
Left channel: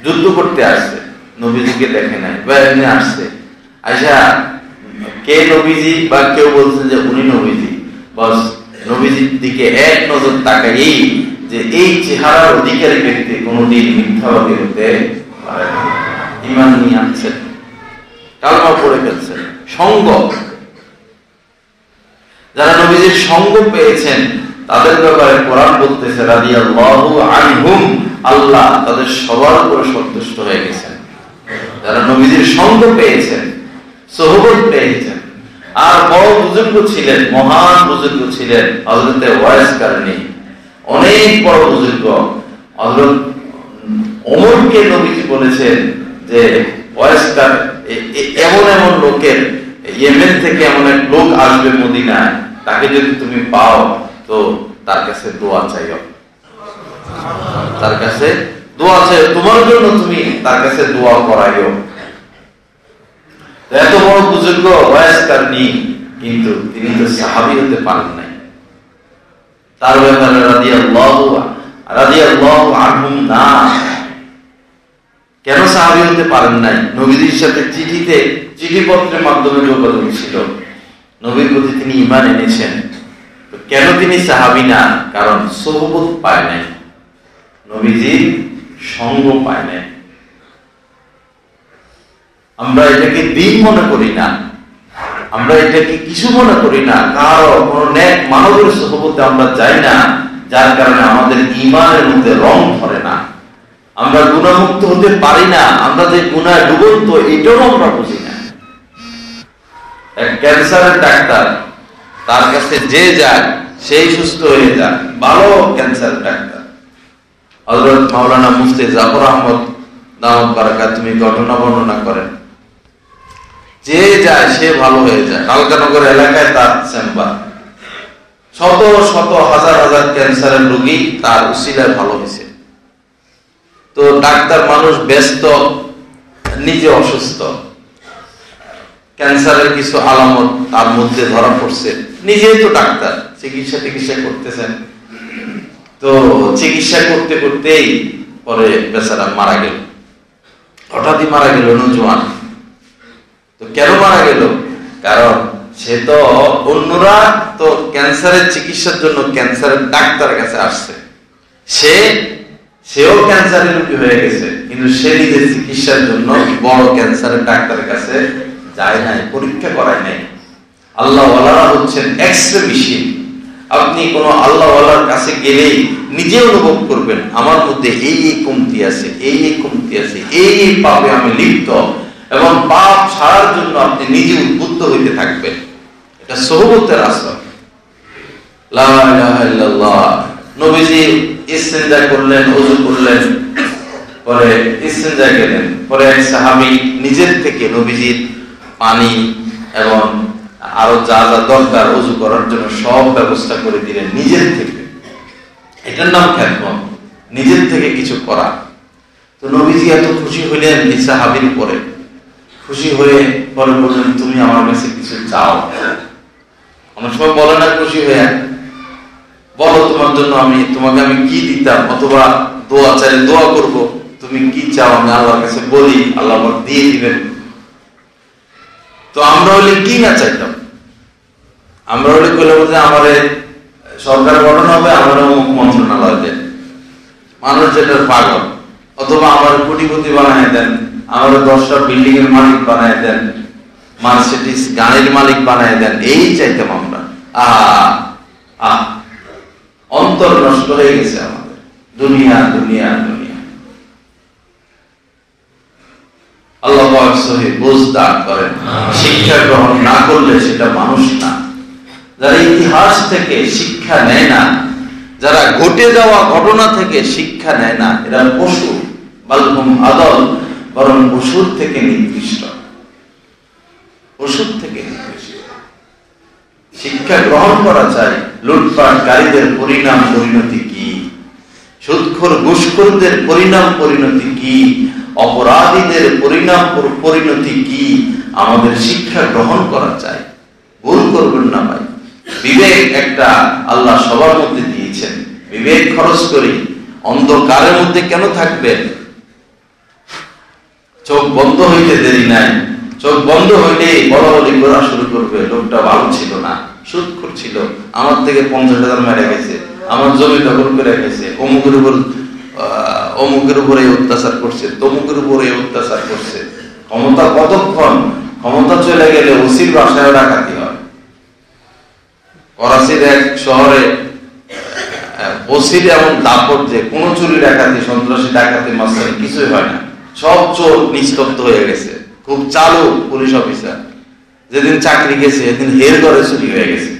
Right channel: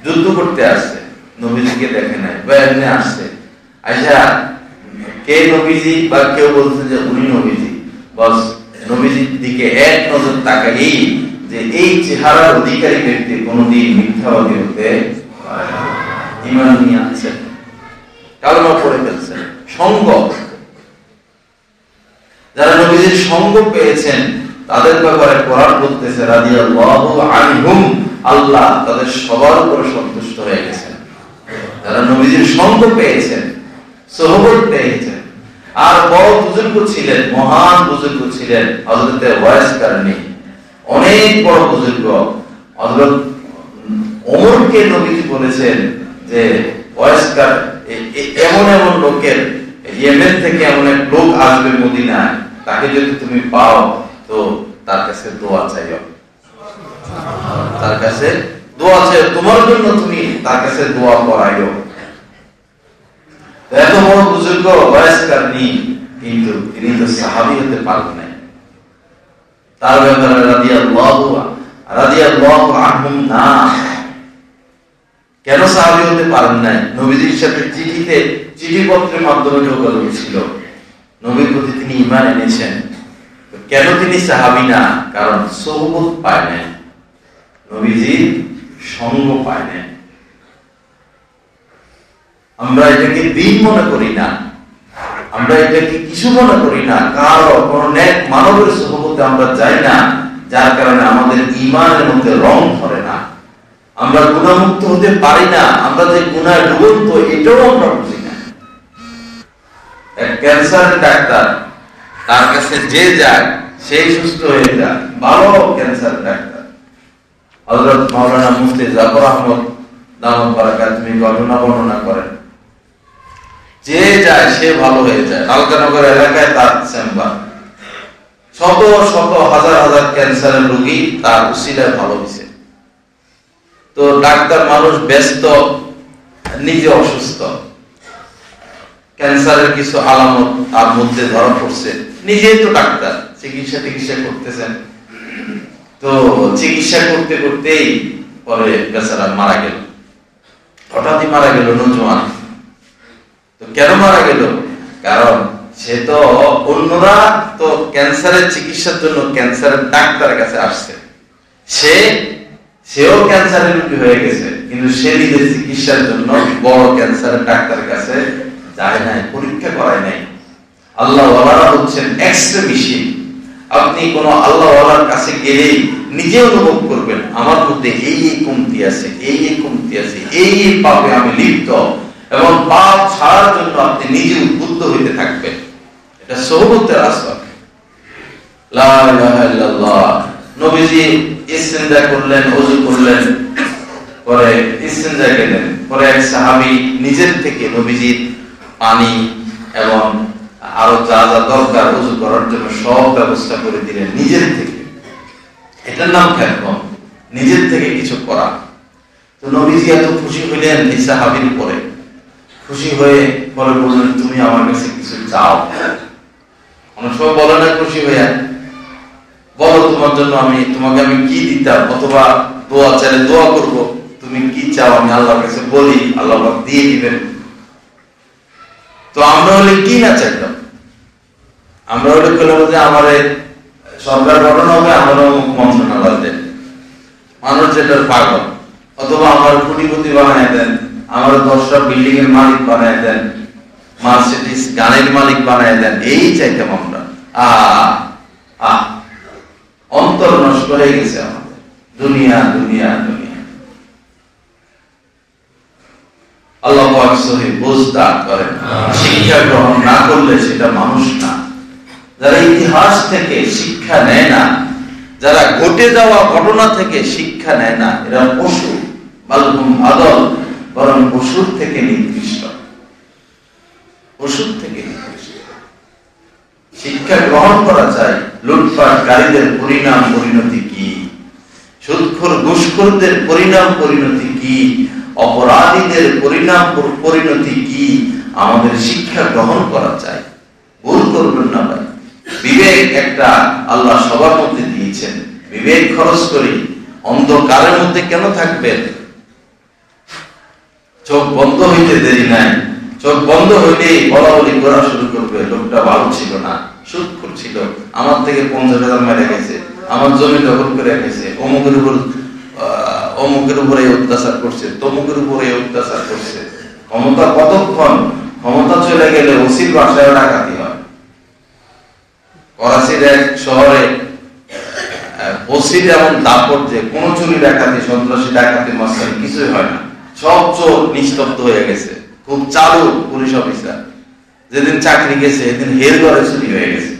যুদ্ধ করতে আসছে, নবীজিকে দেখে নাই, বা এমনি আসছে, আচ্ছা কে নবীজি, বা কেউ বলছে যে উনি নবীজি, বস নবীজির দিকে এক নজর তাকাই যে এই চেহারার অধিকারী ব্যক্তি কোনদিন মিথ্যাবাদী হতে ঈমান নিয়ে আসছে, কালেমা পড়ে ফেলছে। সঙ্গ, নবীজির সঙ্গ পেয়েছেন তাদের ব্যাপারে কোরআন বলতেছে রাদিয়াল্লাহু আনহুম, আল্লাহ তাদের সবার উপরে সন্তুষ্ট হয়ে গেছেন। যারা নবীজির সঙ্গ পেয়েছেন, সোহবত পেয়েছেন, আর বড় বুজুর্গ ছিলেন, মহান বুজুর্গ ছিলেন হযরতে ওয়াইস কারনী, অনেক বড় বুজুর্গ। হযরত ওমরকে নবীজি বলেছেন যে ওয়াইস এমন এমন লোকের, ইয়েমেন থেকে এমন এক লোক আসবে মদিনায়, তাকে যদি তুমি পাও তো তার কাছে দোয়া চাইও, তার কাছে দোয়া চাইও, তোমার জন্য তুমি তার কাছে দোয়া করাইও। এত বড় বুজুর্গ ওয়াইস কারনী, কিন্তু তিনি তো সাহাবী হতে পারেন নাই। তার ব্যাপারে রাদিয়াল্লাহু আনহুম না, কেন সাহাবী হতে পারেন নাই? নবীজির সাথে চিঠিপত্রের মাধ্যমে যোগাযোগ ছিল, নবীর প্রতি তিনি ঈমান এনেছেন। কেন তিনি সাহাবী না? কারণ সোহবত পায় নাই, নবীজির সঙ্গ পায় নাই। আমরা এটাকে দিন মনে করি না, আমরা এটাকে কিছু মনে করি না, কারো কোন নেক মানবের সোহবতে আমরা যাই না, যার কারণে আমাদের ঈমানের মধ্যে রং ধরে না, আমরা গুনাহমুক্ত হতে পারি না, আমরা যে গুনায় ডুবন্ত এটাও আমরা বুঝি না। এক ক্যান্সারের ডাক্তার, তার কাছে যে যায় সেই সুস্থ হয়ে যায়, ভালো ক্যান্সার ডাক্তার। হযরত মাওলানা মুফতি জাফর আহমদ দাওয়াত বারাকাতুহু ঘটনা বর্ণনা করেন, যে যায় সে ভালো হয়ে যায়। আলকানগর এলাকায় তার চেম্বার, শত শত হাজার হাজার ক্যান্সারের রোগী তার উসিলায় ভালো হয়েছে। তো ডাক্তার মানুষ ব্যস্ত, নিজে অসুস্থ, ক্যান্সারের কিছু আলামত তার মধ্যে ধরা পড়ছে, নিজেই তো ডাক্তার, চিকিৎসা করতেছেন। তো চিকিৎসা করতে করতেই পরে বেচারা মারা গেল, হঠাৎই মারা গেল, নজওয়ান। তো কেন মারা গেল? কারণ সে তো, অন্যরা তো ক্যান্সারের চিকিৎসার জন্য ক্যান্সারের ডাক্তারের কাছে আসছে, সেও ক্যান্সারের রোগী হয়ে গেছে, কিন্তু সে নিজের চিকিৎসার জন্য বড় ক্যান্সারের ডাক্তারের কাছে যায় নাই, পরীক্ষা করায় নাই। আল্লাহ ওয়ালারা হচ্ছেন এক্স-রে মেশিন। আপনি কোন আল্লাহ ওয়ালার কাছে গেলেই নিজে অনুভব করবেন আমার মধ্যে এই কমতি আছে, এই কমতি আছে, এই পাপে আমি লিপ্ত, এবং পাপ ছাড়ার জন্য আপনি নিজে উদ্বুদ্ধ হইতে থাকবেন। এটা সোহবতের আসর। লা ইলাহা ইল্লাল্লাহ। নবীজি ইস্তিনজা করলেন, ওযু করলেন, পরে ইস্তিনজা গেলেন, পরে এক সাহাবী নিজের থেকে নবীজির পানি এবং আরো যা যা দরকার ওযু করার জন্য সব ব্যবস্থা করে দিলেন নিজের থেকে। এটার নাম খেদমত, নিজের থেকে কিছু করা। তো নবীজি এত খুশি হইলেন এই সাহাবীর উপরে, খুশি হয়ে পরে বললেন তুমি আমার কাছে কিছু চাও। অনেক সময় বলে না খুশি হয়ে, বলো তোমার জন্য তোমাকে আমি কি দিতাম, অথবা দোয়া চাইলে দোয়া করব, তুমি কি চাও আমি আল্লাহর কাছে বলি, আল্লাহ দিয়ে দিবেন। তো আমরা হলে কি না চাইতাম, আমরা হলে যে আমার সরকার গঠন হবে, আমার মন্ত্রণালয় দেন, মানুষ যেটা পাগল, অথবা আমার কোটিপতি বানায় দেন, আমার 10টা বিল্ডিং এর মালিক বানায় দেন, মার্সিডিজ গাড়ির মালিক বানায় দেন, এই চাইতাম আমরা। অন্তর নষ্ট হয়ে গেছে আমাদের, দুনিয়া দুনিয়া দুনিয়া। আল্লাহ পাক সহিহ বুঝ দান করেন। শিক্ষা গ্রহণ না করলে সেটা মানুষ না। যারা ইতিহাস থেকে শিক্ষা নেয় না, যারা ঘটে যাওয়া ঘটনা থেকে শিক্ষা নেয় না, এরা পশু, বালহুম আদল, বরং পশুর থেকে নিকৃষ্ট, পশুর থেকে নিকৃষ্ট। শিক্ষা গ্রহণ করা চাই। লুটপাটকারীদের পরিণাম পরিণতি কি, সুদখোর ঘুষখোরদের পরিণাম পরিণতি কি, অপরাধীদের পরিণাম পরিণতি কি, আমাদের শিক্ষা গ্রহণ করা চাই। ভুল করবেন না ভাই, বিবেক একটা আল্লাহ সবার মধ্যে দিয়েছেন, বিবেক খরচ করি। অন্ধকারের মধ্যে কেন থাকবেন? চোখ বন্ধ হইতে দেরি নাই, চোখ বন্ধ হইলে বলাবলি করা শুরু করবে, লোকটা ভালো ছিল না, সুদখোর ছিল, আমার থেকে 50,000 মেরে গেছে, আমার জমি দখল করে গেছে, অমুকের উপরে অত্যাচার করছে, তমুকের উপরে অত্যাচার করছে। ক্ষমতা কতক্ষণ? ক্ষমতা চলে গেলে ওসির বাসায় ডাকাতি হয়, করাচির এক শহরে ওসির এমন দাপট যে কোন চুরি ডাকাতি, সন্ত্রাসী ডাকাতি, মাস্টারি কিছুই হয় না, সব চোর নিস্তব্ধ হয়ে গেছে। খুব চালু পুলিশ অফিসার, যেদিন চাকরি গেছে এদিন হের ঘরে চুরি হয়ে গেছে।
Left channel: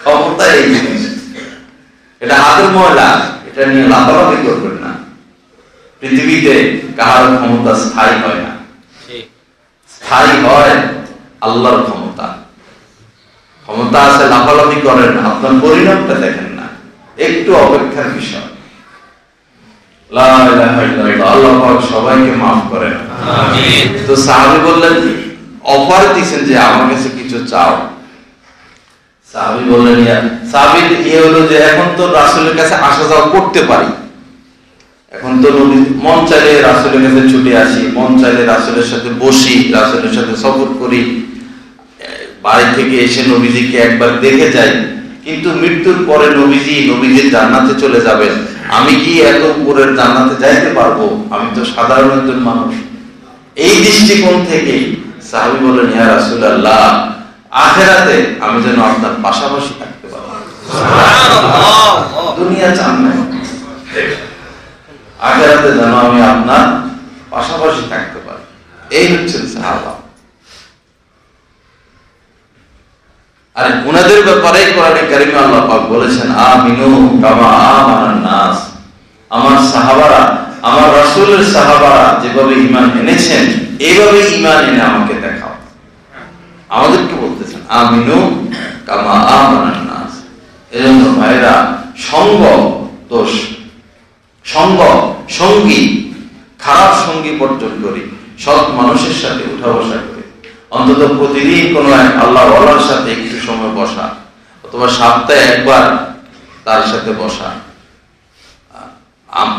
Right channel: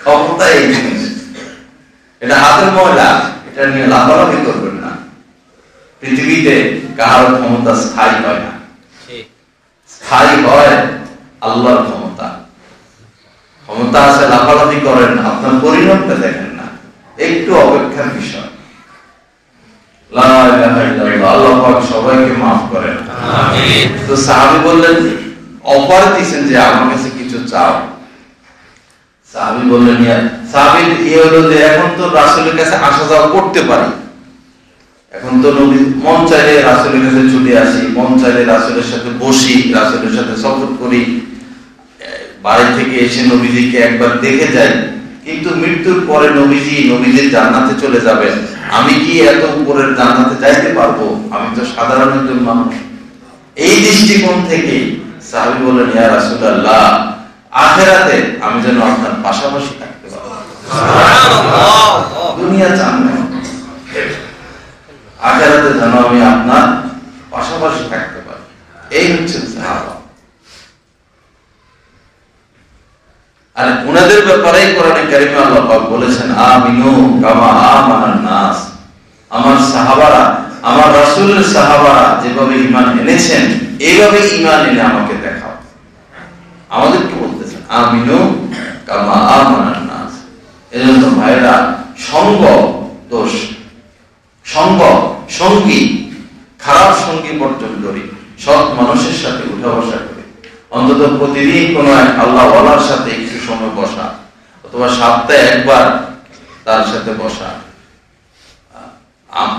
ক্ষমতা এই জিনিস, এটা হাতের ময়লা, এটা নিয়ে লাফালাফি করবেন না। পৃথিবীতে কাহার ক্ষমতা স্থায়ী হয় না, স্থায়ী হয় আল্লাহর ক্ষমতা। ক্ষমতা আছে, লাফালাফি করেন, আপনার পরিণামটা দেখেন না, একটু অপেক্ষার বিষয়। আল্লাহ সবাইকে মাফ করেন। তো সাহাবী বললেন, অফার দিচ্ছেন যে আমার কাছে কিছু চাও। সাহাবী বললেন, সাহাবী হলো যে এখন তো রাসূলের কাছে আসা যাওয়া করতে পারি, এখন তো মন চাইলে রাসূলের কাছে ছুটে আসি, মন চাইলে রাসূলের সাথে বসি, রাসূলের সাথে সফর করি, বাড়ি থেকে এসে নবীজিকে একবার দেখে যাই। কিন্তু মৃত্যুর পরে নবীজি জান্নাতে চলে যাবেন, আমি কি এত উপরের জান্নাতে যাইতে পারবো? আমি তো সাধারণ একজন মানুষ। এই দৃষ্টিকোণ থেকে সাহাবী বলেন, ইয়া রাসূলুল্লাহ, আখিরাতে আমি যেন আপনার পাশাপাশি থাকতে পারবো। সুবহানাল্লাহ। দুনিয়া চান না, আখিরাতে যেন আমি আপনার পাশাপাশি থাকতে পারি। এই হচ্ছেন সাহাবা। আর উনাদের ব্যাপারে কোরআনে কারিমে আল্লাহ পাক বলেছেন, আমিনু কামা আমানান নাস। আমার সাহাবারা, আমার রাসূলের সাহাবারা যেভাবে ঈমান এনেছেন, এইভাবে ঈমান এনে আমাকে দেখাও। আমাদেরকে বলতেছেন আমিনু কামা আমানান নাস। এজন্য ভাইরা, সঙ্গ দোষ, সঙ্গী খারাপ সঙ্গী বর্জন করি, সৎ মানুষের সাথে উঠা বসা করি। অন্তত প্রতিদিন কোন এক আল্লাহওয়ালার সাথে একটু সময় বসা, অথবা সপ্তাহে একবার তার সাথে বসা।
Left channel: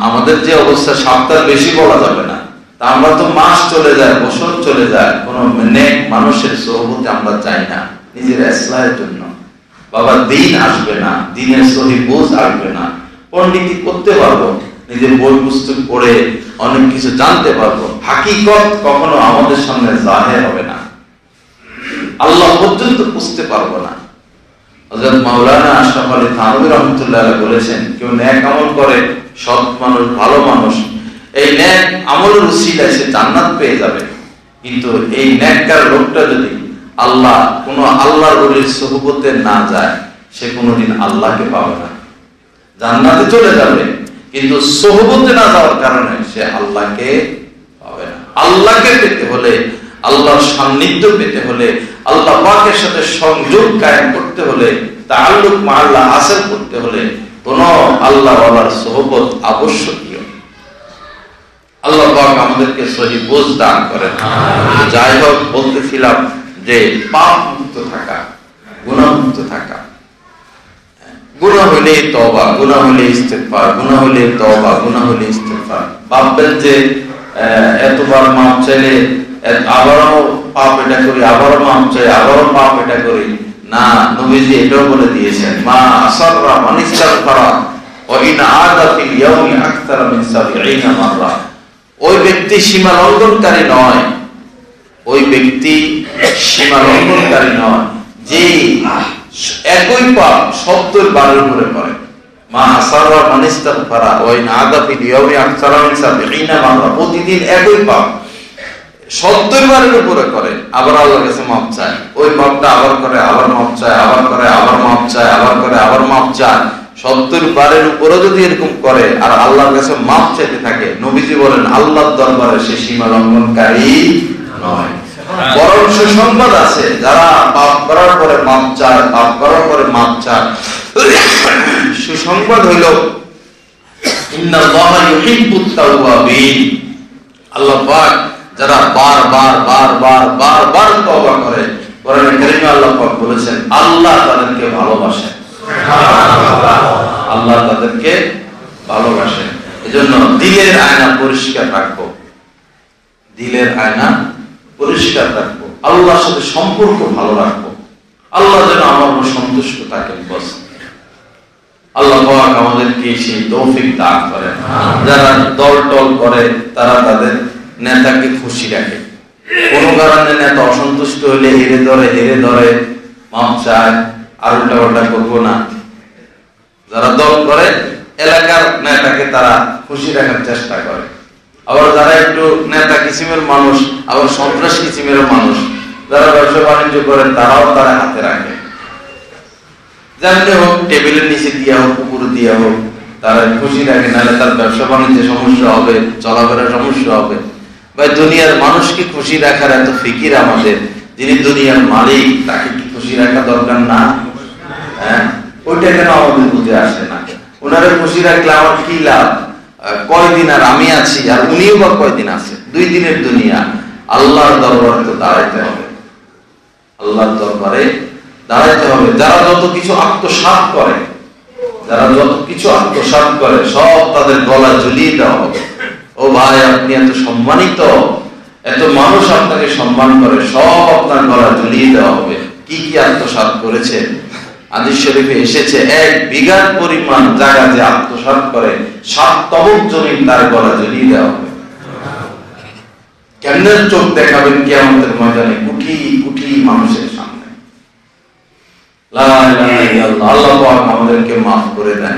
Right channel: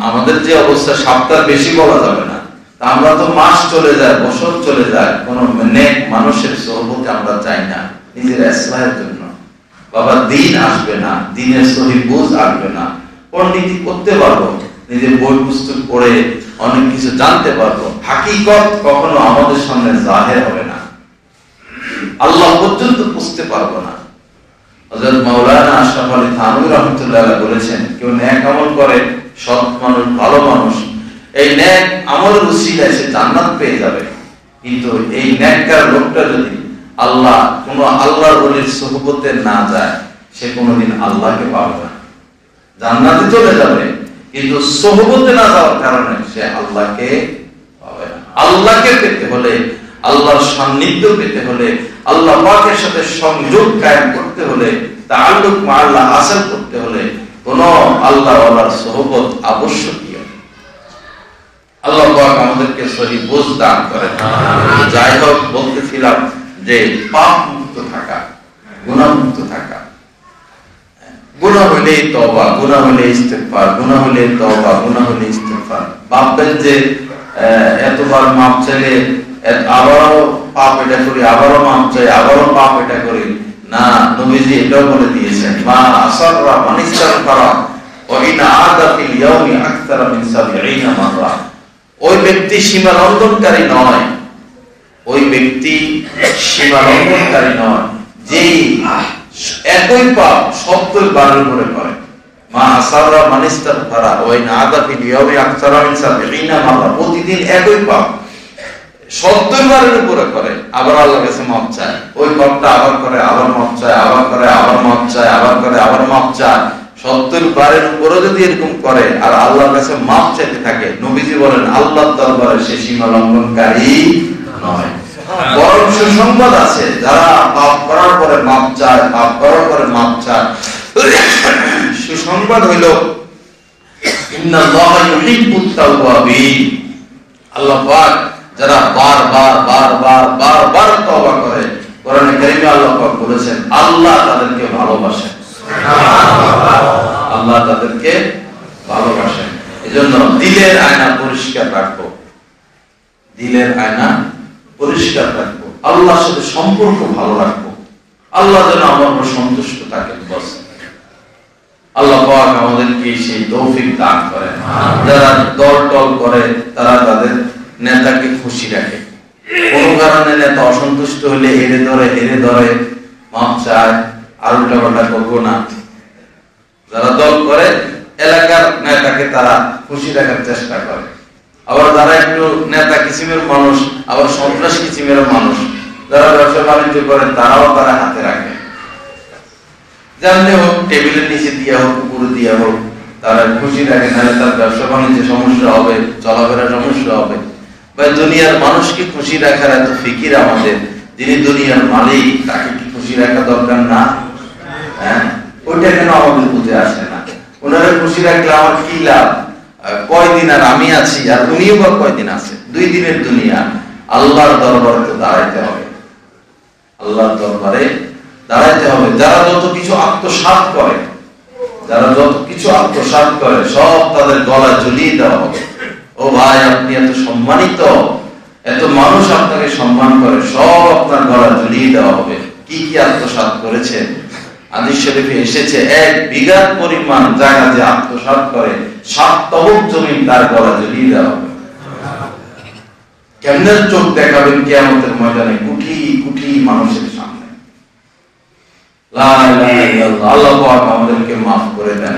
আমাদের যে অবস্থা, সপ্তাহ বেশি বলা যাবে না, তা আমরা তো মাস চলে যায়, বছর চলে যায়, কোন নেক মানুষের সোহবতে আমরা চাই না নিজের ইসলাহের জন্য। বাবা, দিন আসবে না, দিনের সহি বুঝ আসবে না, পণ্ডিতি করতে পারবো, নিজের বই পুস্তক পড়ে অনেক কিছু জানতে পারবো, হাকিকত কখনো আমাদের সামনে জাহের হবে না, আল্লাহ পর্যন্ত বুঝতে পারবো না। হযরত মাওলানা আশরাফ আলী থানভী রাহমাতুল্লাহ আলাইহি বলেছেন, কেউ নেক আমল করে, সৎ মানুষ, ভালো মানুষ, এই নেক আমলের উসিলায় সে জান্নাত পেয়ে যাবে। কিন্তু এই নেককার লোকটা যদি আল্লাহর ওলির সুহবতে না যায়, সে কোনোদিন আল্লাহকে পাবে না। জান্নাতে চলে যাবে, কিন্তু সুহবতে না যাওয়ার কারণে সে আল্লাহকে পাবে না। আল্লাহকে পেতে হলে, আল্লাহর সান্নিধ্য পেতে হলে, আল্লাহ পাকের সাথে সংযোগ কায়েম করতে হলে, তাআল্লুক মা আল্লাহ হাসিল করতে হলে কোন আল্লাহওয়ালার সুহবত আবশ্যকীয়। আল্লাহ পাক আমাদেরকে সহি বুঝ দান করেন। যাই হোক, বলতেছিলাম যে পাপ মুক্ত থাকা, গুনাহ মুক্ত থাকা, গুনাহ হলে তওবা, গুনাহ হলে ইস্তেগফার, গুনাহ হলে তওবা, গুনাহ হলে ইস্তেগফার। ভাববেন যে এতবার মাপ চাইলে আবারও পাপ এটা করি, আবারও মাপ চাই, আবারও পাপ এটা করি না। নবীজি এটাও বলে দিয়েছেন, মা আসাররা মান ইস্তাগফারা ওয়া ইন আদা ফিল ইয়াউমি আকতারা মিন ৭০ মাররা। ওই ব্যক্তি সীমা লঙ্ঘনকারী নয়, ওই ব্যক্তি সীমা লঙ্ঘনকারী নয় যে একই পাপ ৭০ বারের উপরে করে। মা আসাররা মান ইস্তাগফারা ওয়া ইন আদা ফিল ইয়াউমি আকতারা মিন ৭০ মাররা। প্রতিদিন একই পাপ ৭০ বারের উপরে করে, আবার আল্লাহর কাছে মাপ চায়, ওই পাপটা আবার করে, আবার মাপ চায়, আবার করে, আবার মাপ চায়, আবার করে, আবার মাপ চায়। ৭০ বারের উপরে যদি এরকম করে আর আল্লাহর কাছে মাপ চাইতে থাকে, নবীজি বলেন আল্লাহর দরবারে সে সীমা লঙ্ঘনকারী নয়। বরং সুসংবাদ আছে, যারা পাপ করার পরে মাপ চায়, পাপ করার পরে মাপ চায়, সুসংবাদ হইল ইন্নাল্লাহা ইউহিব্বুত তাওয়াবিন। আল্লাহ পাক যারা বারবার তওবা করে, কোরআনে কারিমে আল্লাহ পাক বলেছেন আল্লাহ তাদেরকে ভালোবাসেন, আল্লাহ তাদেরকে ভালোবাসেন। এজন্য দিলের আয়না পরিষ্কার রাখবো, দিলের আয়না পরিষ্কার রাখবো, আল্লাহর সাথে সম্পর্ক ভালো রাখবো, আল্লাহ যেন আমার উপর সন্তুষ্ট থাকেন। বস আল্লাহ পাক আমাদেরকে সেই তৌফিক দান করেন। যারা দল করে তারা তাদের নেতাকে খুশি রাখে, কোন কারণে নেতা অসন্তুষ্ট হলে হেরে ধরে মাপ চায়, আর উল্টা পাল্টা করবো না। যারা দল করে এলাকার নেতাকে তারা খুশি রাখার চেষ্টা করে, আবার যারা একটু নেতা কিসিমের মানুষ, আবার সন্ত্রাস কিসিমের মানুষ, যারা ব্যবসা বাণিজ্য করেন তারাও তারা হাতে রাখে। যেমনি হোক, টেবিলের নিচে দিয়া হোক, উপরে দিয়া হোক, তারা খুশি রাখে, নাহলে তার ব্যবসা বাণিজ্যে সমস্যা হবে, চলাফেরা সমস্যা হবে। ভাই, দুনিয়ার মানুষকে খুশি রাখার এত ফিকির আমাদের, যিনি দুনিয়ার মালিক তাকে কি খুশি রাখা দরকার না? হ্যাঁ, ওইটা কেন আমাদের বুঝে আসে না? ওনারা খুশি রাখলে আমার কি লাভ? কয়দিন আর আমি আছি, আর উনিও বা কয়দিন আছে? 2 দিনের দুনিয়া। আল্লাহর দরবারে তো দাঁড়াইতে হবে, আল্লাহর দরবারে দাঁড়াইতে হবে। যারা যত কিছু আত্মসাৎ করে, যারা যত কিছু আত্মসাৎ করে, সব তাদের গলা ঝুলিয়ে দেওয়া হবে। ও ভাই, আপনি এত সম্মানিত, এত মানুষ আপনাকে সম্মান করে, সব আপনার গলা ঝুলিয়ে দেওয়া হবে। কি কি আত্মসাৎ করেছে? হাদিস শরীফে এসেছে, 1 বিঘার পরিমাণ জায়গা যে আত্মসাৎ করে, 7 তবক জমি তার গলা ঝুলিয়ে দেওয়া হবে। কেমনে চোখ দেখাবেন কিয়ামতের ময়দানে কোটি কোটি মানুষের সামনে? লা ইলাহা ইল্লাল্লাহ। আল্লাহ পাক আমাদেরকে মাফ করে দেন।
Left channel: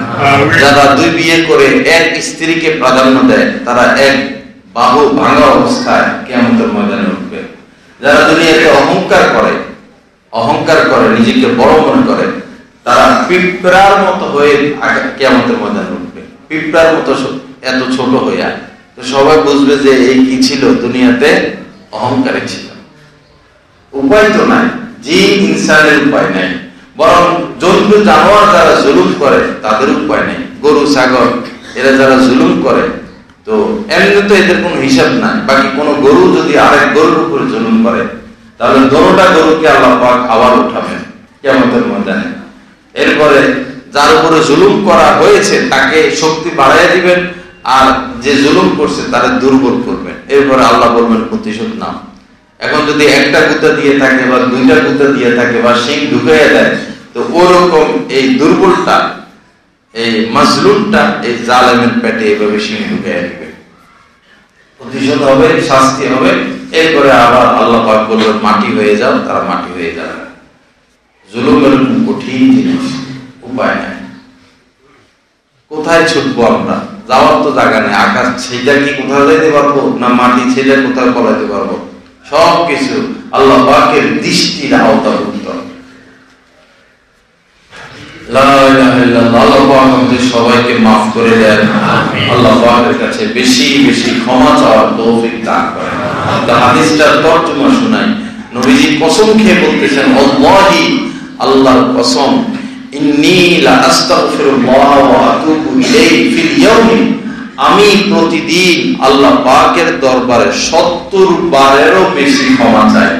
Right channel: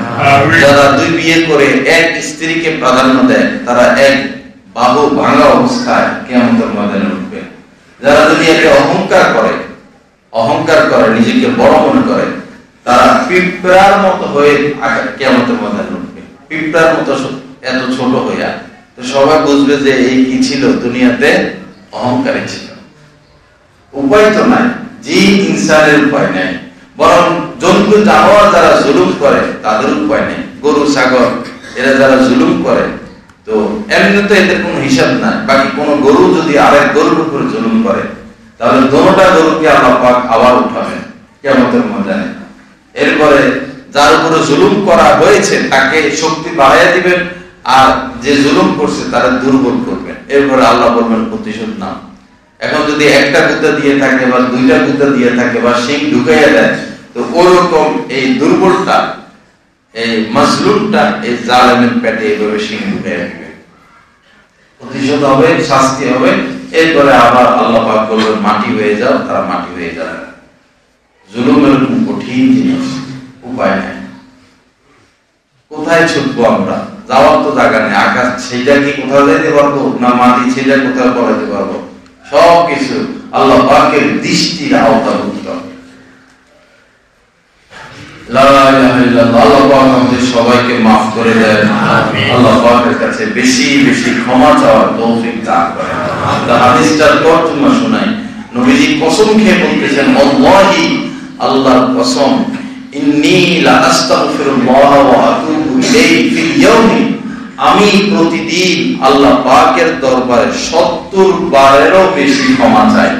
যারা 2 বিয়ে করে 1 স্ত্রীকে প্রাধান্য দেয়, তারা 1 বাহু ভাঙা অবস্থায় কিয়ামতের ময়দানে উঠবে। যারা দুনিয়াতে অহংকার করে, নিজেকে বড় মনে করে, তারা পিঁপড়ার মতো হয়ে কিয়ামতের ময়দানে উঠবে। পিঁপড়ার মতো এত ছোট হইয়া, তো সবাই বুঝবে যে এই কি ছিল, দুনিয়াতে অহংকারী ছিল। উপায় তো নাই, জিন ইনসানের উপায় নাই, বরং জন্তু জানোয়ার যারা জুলুম করে তাদের উপায় নেই। গরু ছাগল এরা যারা জুলুম করে, তো এমনি তো এদের কোনো হিসাব নাই। বাকি কোন গরু যদি আরেক গরুর উপরে জুলুম করে, তাহলে দোনোটা গরুকে আল্লাহ পাক আবার উঠাবেন কিয়ামতের ময়দানে। এরপরে যার উপরে জুলুম করা হয়েছে তাকে শক্তি বাড়াইয়া দিবেন, আর যে জুলুম করছে তারা দুর্বল করবেন। এরপরে আল্লাহ বলবেন প্রতিশোধ নাও। এখন যদি 1টা গুতা দিয়ে থাকে, বা 2টা গুতা দিয়ে থাকে, বা শিং ঢুকাইয়া দেয়, তো ওরকম এই দুর্বলটা, এই মাজলুমটা এই জালেমের পেটে এইভাবে শিং ঢুকাইয়া দিবে। প্রতিশোধ হবে, শাস্তি হবে। এরপরে আবার আল্লাহ পাক বলবেন মাটি হয়ে যাও, তারা মাটি হয়ে যাবে। জুলুম এরকম কঠিন জিনিস, উপায় নাই। কোথায় ছুটবো আমরা? যাওয়ার তো জায়গা নেই। আকাশ ছেড়ে কি কোথাও যেতে পারবো? না মাটি ছেড়ে কোথাও পড়াতে পারবো? সবকিছু আল্লাহ পাকের দৃষ্টির আওতাভুক্ত। লা ইলাহা ইল্লাল্লাহ। আল্লাহ পাক আমাদের সবাইকে মাফ করে দেন। আল্লাহ পাকের কাছে বেশি বেশি ক্ষমা চাওয়ার তৌফিক দান করেন। হাদিসটার তর্জমা শোনাই। নবীজি কসম খেয়ে বলতেছেন, আল্লাহি, আল্লাহর কসম, ইন্নী লা আস্তাগফিরুল্লাহ ওয়া আতুবু ইলাইহি ফিল ইয়াউমি, আমি প্রতিদিন আল্লাহ পাকের দরবারে 70 বারেরও বেশি ক্ষমা চাই।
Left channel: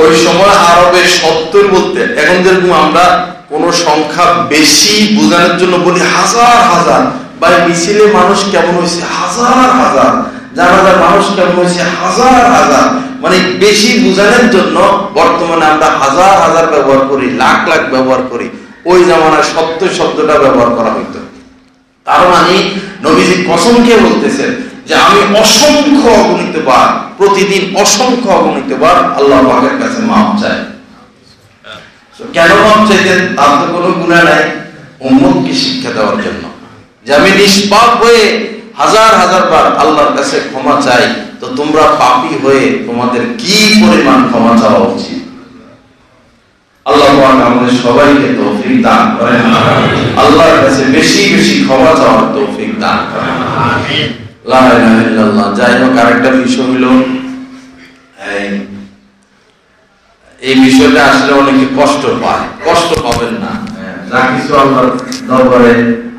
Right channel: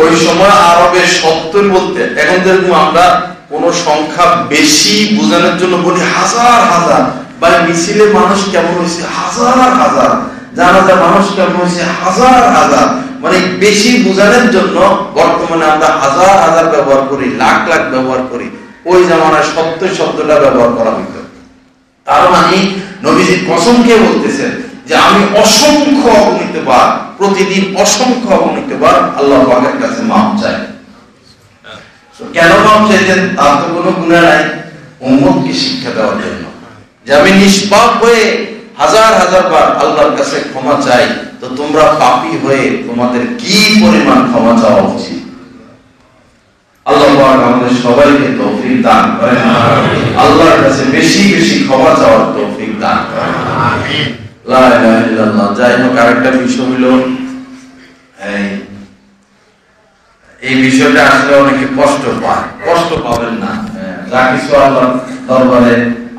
ওই সময় আরবে 70 বলতে, এখন যেরকম আমরা কোন সংখ্যা বেশি বোঝানোর জন্য বলি হাজার হাজার, বা মিছিলে মানুষ কেমন হয়েছে হাজার হাজার, জানাজা মানুষ কেমন হয়েছে হাজার হাজার, মানে বেশি বোঝানোর জন্য বর্তমানে আমরা হাজার হাজার ব্যবহার করি, লাখ লাখ ব্যবহার করি। ওই জামানায় 70 শব্দটা ব্যবহার করা হইতো। তার মানে নবীজি কসম খেয়ে বলতেছেন যে আমি অসংখ্য অগণিতবার, প্রতিদিন অসংখ্য অগণিতবার আল্লাহ পাকের কাছে মাফ চাই। কেন মাফ চাইতেন? তার তো কোনো গুনাহ নাই, উম্মতকে শিক্ষা দেওয়ার জন্য যে আমি নিষ্পাপ হয়ে হাজার হাজার বার আল্লাহর কাছে ক্ষমা চাই, তো তোমরা পাপী হয়ে তোমাদের কি পরিমাণ ক্ষমা চাওয়া উচিত। আল্লাহ পাক আমাদের সবাইকে তৌফিক দান করেন। আল্লাহর কাছে বেশি বেশি ক্ষমা চাওয়ার তৌফিক দান করেন। আমিন। লা ইলাহা ইল্লাল্লাহ। যাই হোক, আরেকটা বিষয় হলো, এই বিষয়টা আসলে অনেকে কষ্ট পায়। কষ্ট পাবেন না। যা কিছু আল্লাহর দরবারে,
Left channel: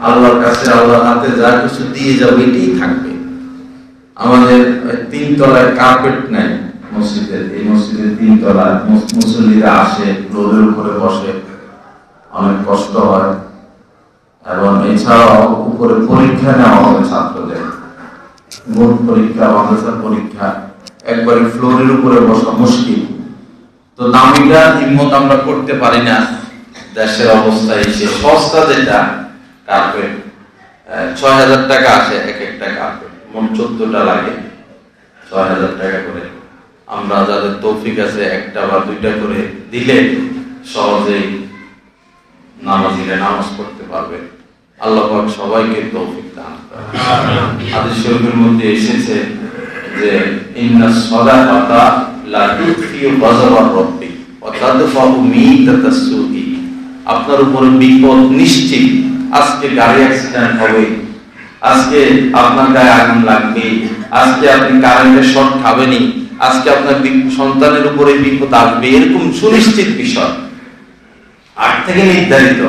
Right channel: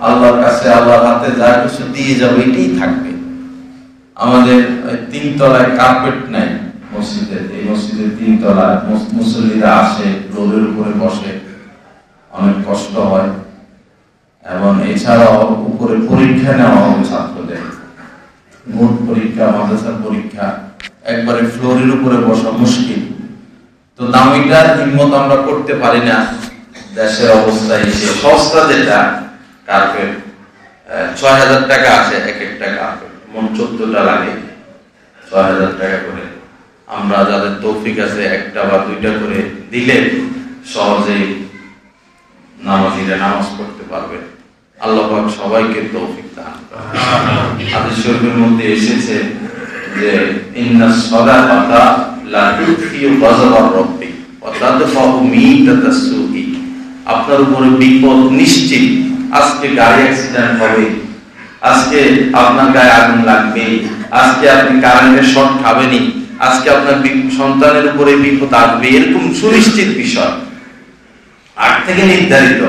আল্লাহর কাছে, আল্লাহর হাতে যা কিছু দিয়ে যাবে এটাই থাকবে। আমাদের 3 তলায় কার্পেট নাই মসজিদের। এই মসজিদের 3 তলায় মুসল্লিরা আসে, রোদের উপরে বসে, অনেক কষ্ট হয়। এবং এছাড়াও উপরে পরীক্ষা নেওয়া হবে ছাত্রদের, বোর্ড পরীক্ষা, মাদ্রাসার পরীক্ষা, একবারে ফ্লোরের উপরে বসা মুশকিল। তো দামিটা হিম্মত আমরা করতে পারি না। দেশের অবস্থা এসে সস্তা যেটা কার্পেট 6000 টাকা আসে এক একটা কার্পেট, মোট 14টা লাগে, 6000 টাকা করে। আমরা যাদের তৌফিক আছে একটা বা দুইটা করে দিলে সহজেই নামাজিরা নামাজ পড়তে পারবে। আল্লাহ পাক সবাইকে তৌফিক দান করেন। হাদিস শরীফের মধ্যে এসেছে যে ইন্নাস সাদাকাতা লা তুফিউ গাযাবার রাব্বি ওয়া তাদফাউ মিতাতাস সুই। আপনার উপরে বিপদ নিশ্চিত, আজকে গাড়ি অ্যাক্সিডেন্ট হবে, আজকে আপনার গায়ে আগুন লাগবে, আজকে আপনি কারেন্টের শর্ট খাবেনই, আজকে আপনার সন্তানের উপরে বিপদ আসবে, এরকম সুনিশ্চিত বিষয় আগ থেকে নির্ধারিত।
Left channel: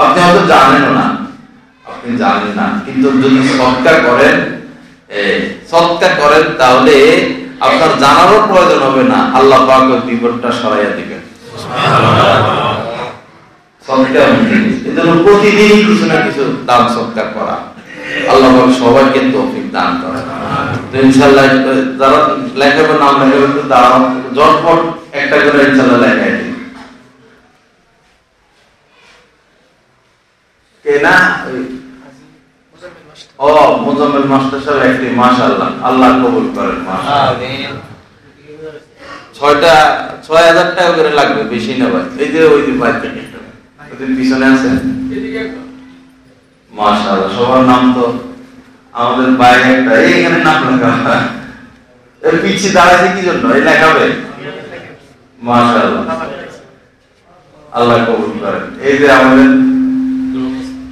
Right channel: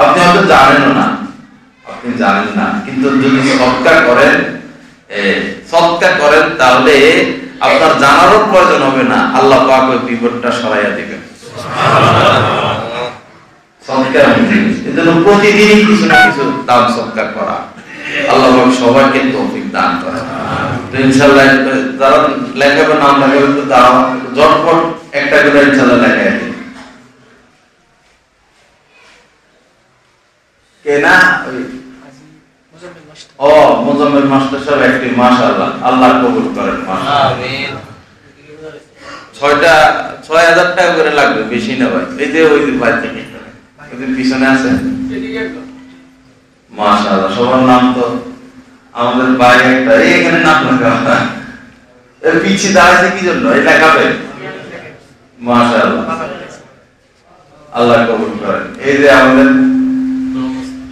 আপনি হয়তো জানেনও না, আপনি জানেন না, কিন্তু যদি সৎকার করেন তাহলে আপনার জানারও প্রয়োজন হবে না, আল্লাহ পাক ওই বিপদটা সরাইয়া দিবেন। সৎকার এজন্য প্রতিদিনই কিছু না কিছু দান সৎকার করা। আল্লাহ পাক সবাইকে তৌফিক দান করেন। তো ইনশাআল্লাহ যারা লেখাবে নাম লেখাবে তো দাও ঝটপট একটা করে ইনশাআল্লাহ লেখাই দিন। কেনা ও মুজাম্মিল মাস্টার সাহেব একটি, মাশাআল্লাহ, আল্লাহ কবুল করেন। আমিন। 6,000 টাকা করে লাগবে, বেশি না ভাই। এই যে ওই যে ভাই ওদের পিছনে আছে, মাশাআল্লাহ, সবার নাম তো আমাদের বাইরে একটা এখানে নাম লেখা, এর পিছে দাঁড়াইছে কি জন্য? এই লেখাবে, মাশাআল্লাহ, আল্লাহ কবুল করেন। এই যে আমাদের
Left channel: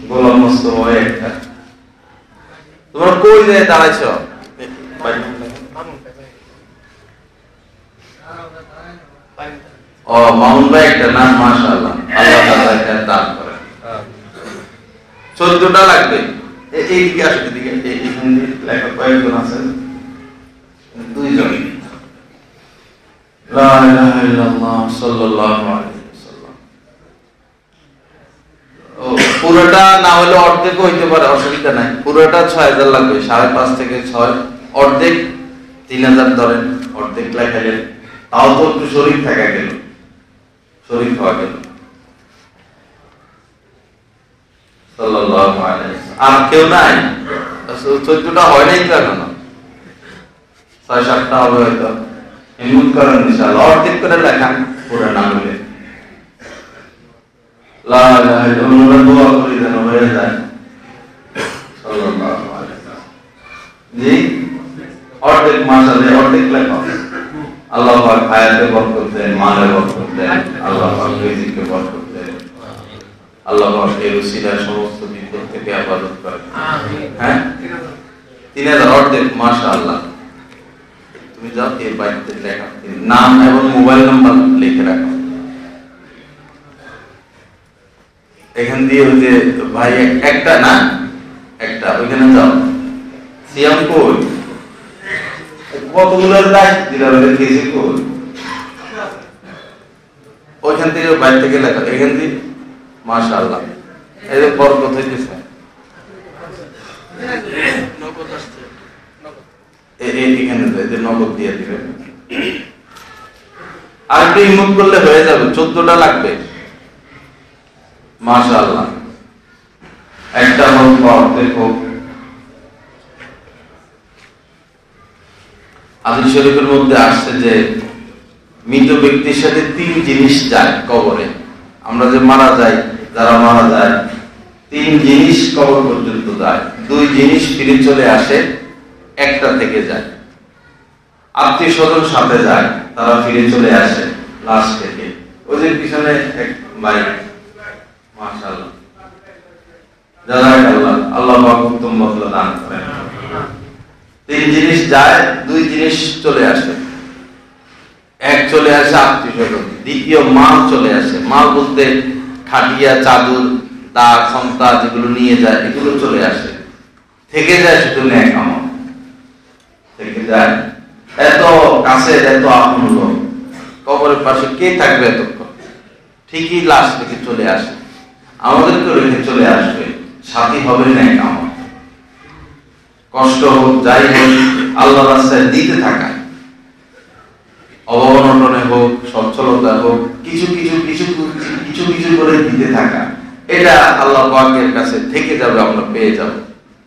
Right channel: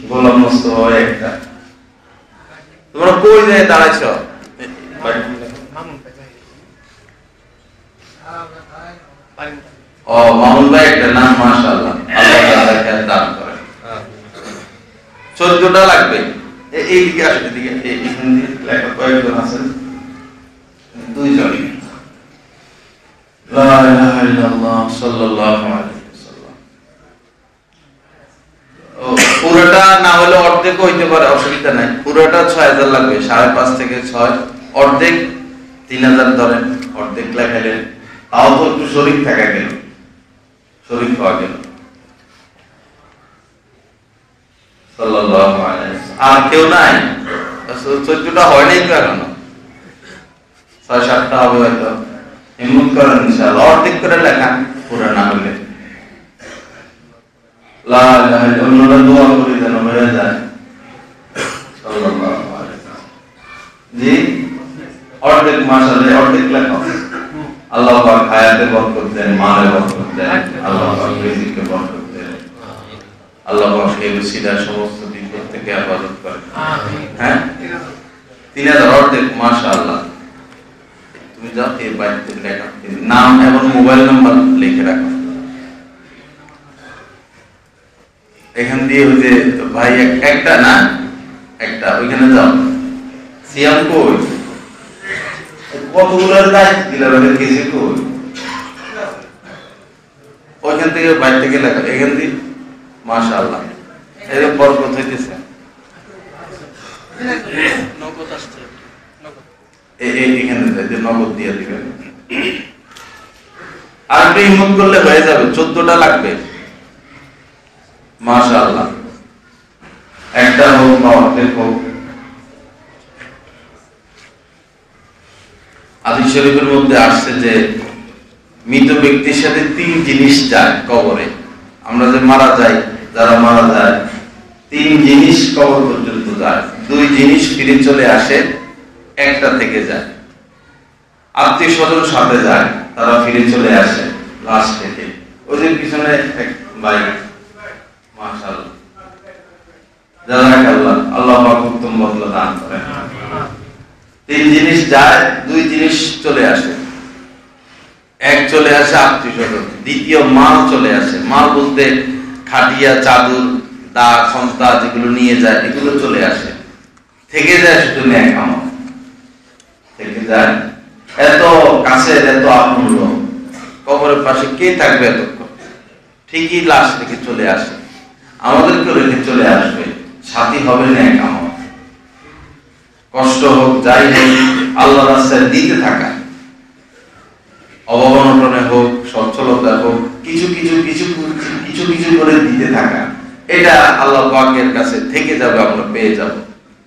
গোলাম মোস্তফা একটা, তোমরা কই যায় দাঁড়াইছো? ও মামুন ভাই একটা নাম, মাশাআল্লাহ, আল্লাহ তাআলা দান করেন। 14টা লাগবে। এই দিকে আসো, দিকে এখান দিয়ে লেখা কয়েকজন আছেন, 2 জন। লা ইলাহা ইল্লাল্লাহ সাল্লাল্লাহু আলাইহি ওয়াসাল্লাম। ও পুরোটা না হলে অর্ধেক হইতে পারে, অসুবিধা নাই। পুরোটা 6000 লাগবে, 5.5 থেকে 6, অর্ধেক 3000 ধরেন, অর্ধেক লেখালেন, তাও তো একটু শরীর থাকা গেল, শরীর পাওয়া গেল। সাল্লাল্লাহু আলাইহি ওয়াসাল্লাম। আর কেউ নাই? 14টা হয় নাই তো এখনো, 6-7টা হবে হয়তো। হিম্মত করেন ইনশাআল্লাহ, অর্ধেক করে লেখান, পুরো না হলে। লা ইলাহা ইল্লাল্লাহ, দোয়া করি যেন হয়ে যায়। সাল্লাল্লাহু আলাইহি ওয়াসাল্লাম। জি, অর্ধেক মাশাআল্লাহ, অর্ধেক লেখা। আল্লাহ পাক হায়াতে বরকত দেন, মালে বরকত দেন, আল্লাহ পাক রিজিকে বরকত দেন, আল্লাহ পাক এই ওসিলায় সমস্ত বিপদ থেকে হেফাজত করেন। আমিন। হ্যাঁ, 3000 অর্ধেক, মাশাআল্লাহ। তুমি যাও এই বাইতে লেখা, নাম এবং মোবাইল নাম্বার লিখে রাখো। এখান দিয়ে ওই যে ভাই একটা না, একটা ওইখানে যাও। সিয়াম কই? কতগুলো দায়িত্ব দিলাম, কেজি কই? ওইখান থেকে বাইরে থেকে লেখা, এখান থেকে, মাশাআল্লাহ, এরকম বরকত হইতেছে। এখানে নগদ দিয়ে দিবেন। আর একটু হিম্মত করলে হয়ে যাবে, 14টা লাগবে, মাশাআল্লাহ। একটা হোক বা অর্ধেক হোক। হাদিস শরীফের মধ্যে আসছে যে মৃত ব্যক্তির সাথে 3 জিনিস যায় কবরে। আমরা যে মারা যাই, যারা মারা যায়, 3 জিনিস কবর পর্যন্ত যায়। 2 জিনিস ফিরে চলে আসে, একটা থেকে যায়। আত্মীয় স্বজন সাথে যায়, তারা ফিরে চলে আসে লাশ খেতে। ওদের পিছনে এক ভাই, মাশাআল্লাহ, জাযাকাল্লাহ, আল্লাহ পাক উত্তম বদলা দান করেন। 3 জিনিস যায়, 2 জিনিস চলে আসে। এক চলে আসে আত্মীয় স্বজন, দ্বিতীয় মাল চলে আসে। মাল বলতে খাটিয়া, চাদর, দা, সন্তা যেগুলো নিয়ে যায়, এগুলো চলে আসে। থেকে যায় শুধু নেক আমল, থেকে যায়। এত কাছে, এত আপন লোক, কবরের পাশে কে থাকবে এতক্ষণ? ঠিকই লাশ থেকে চলে আসে, আমাদেরকে রেখে চলে আসবে, সাথী হবে নেক আমল। কষ্ট হোক, যাই হোক, আল্লাহর রাস্তায় দিতে থাকা, অভাব-অনটনে হোক, সচ্ছলতা হোক, কিছু কিছু কিছু কিছু কিছু করে দিতে থাকা, এটা আল্লাহ পাকের কাছে থেকে যাবে, আমরা পেয়ে যাব।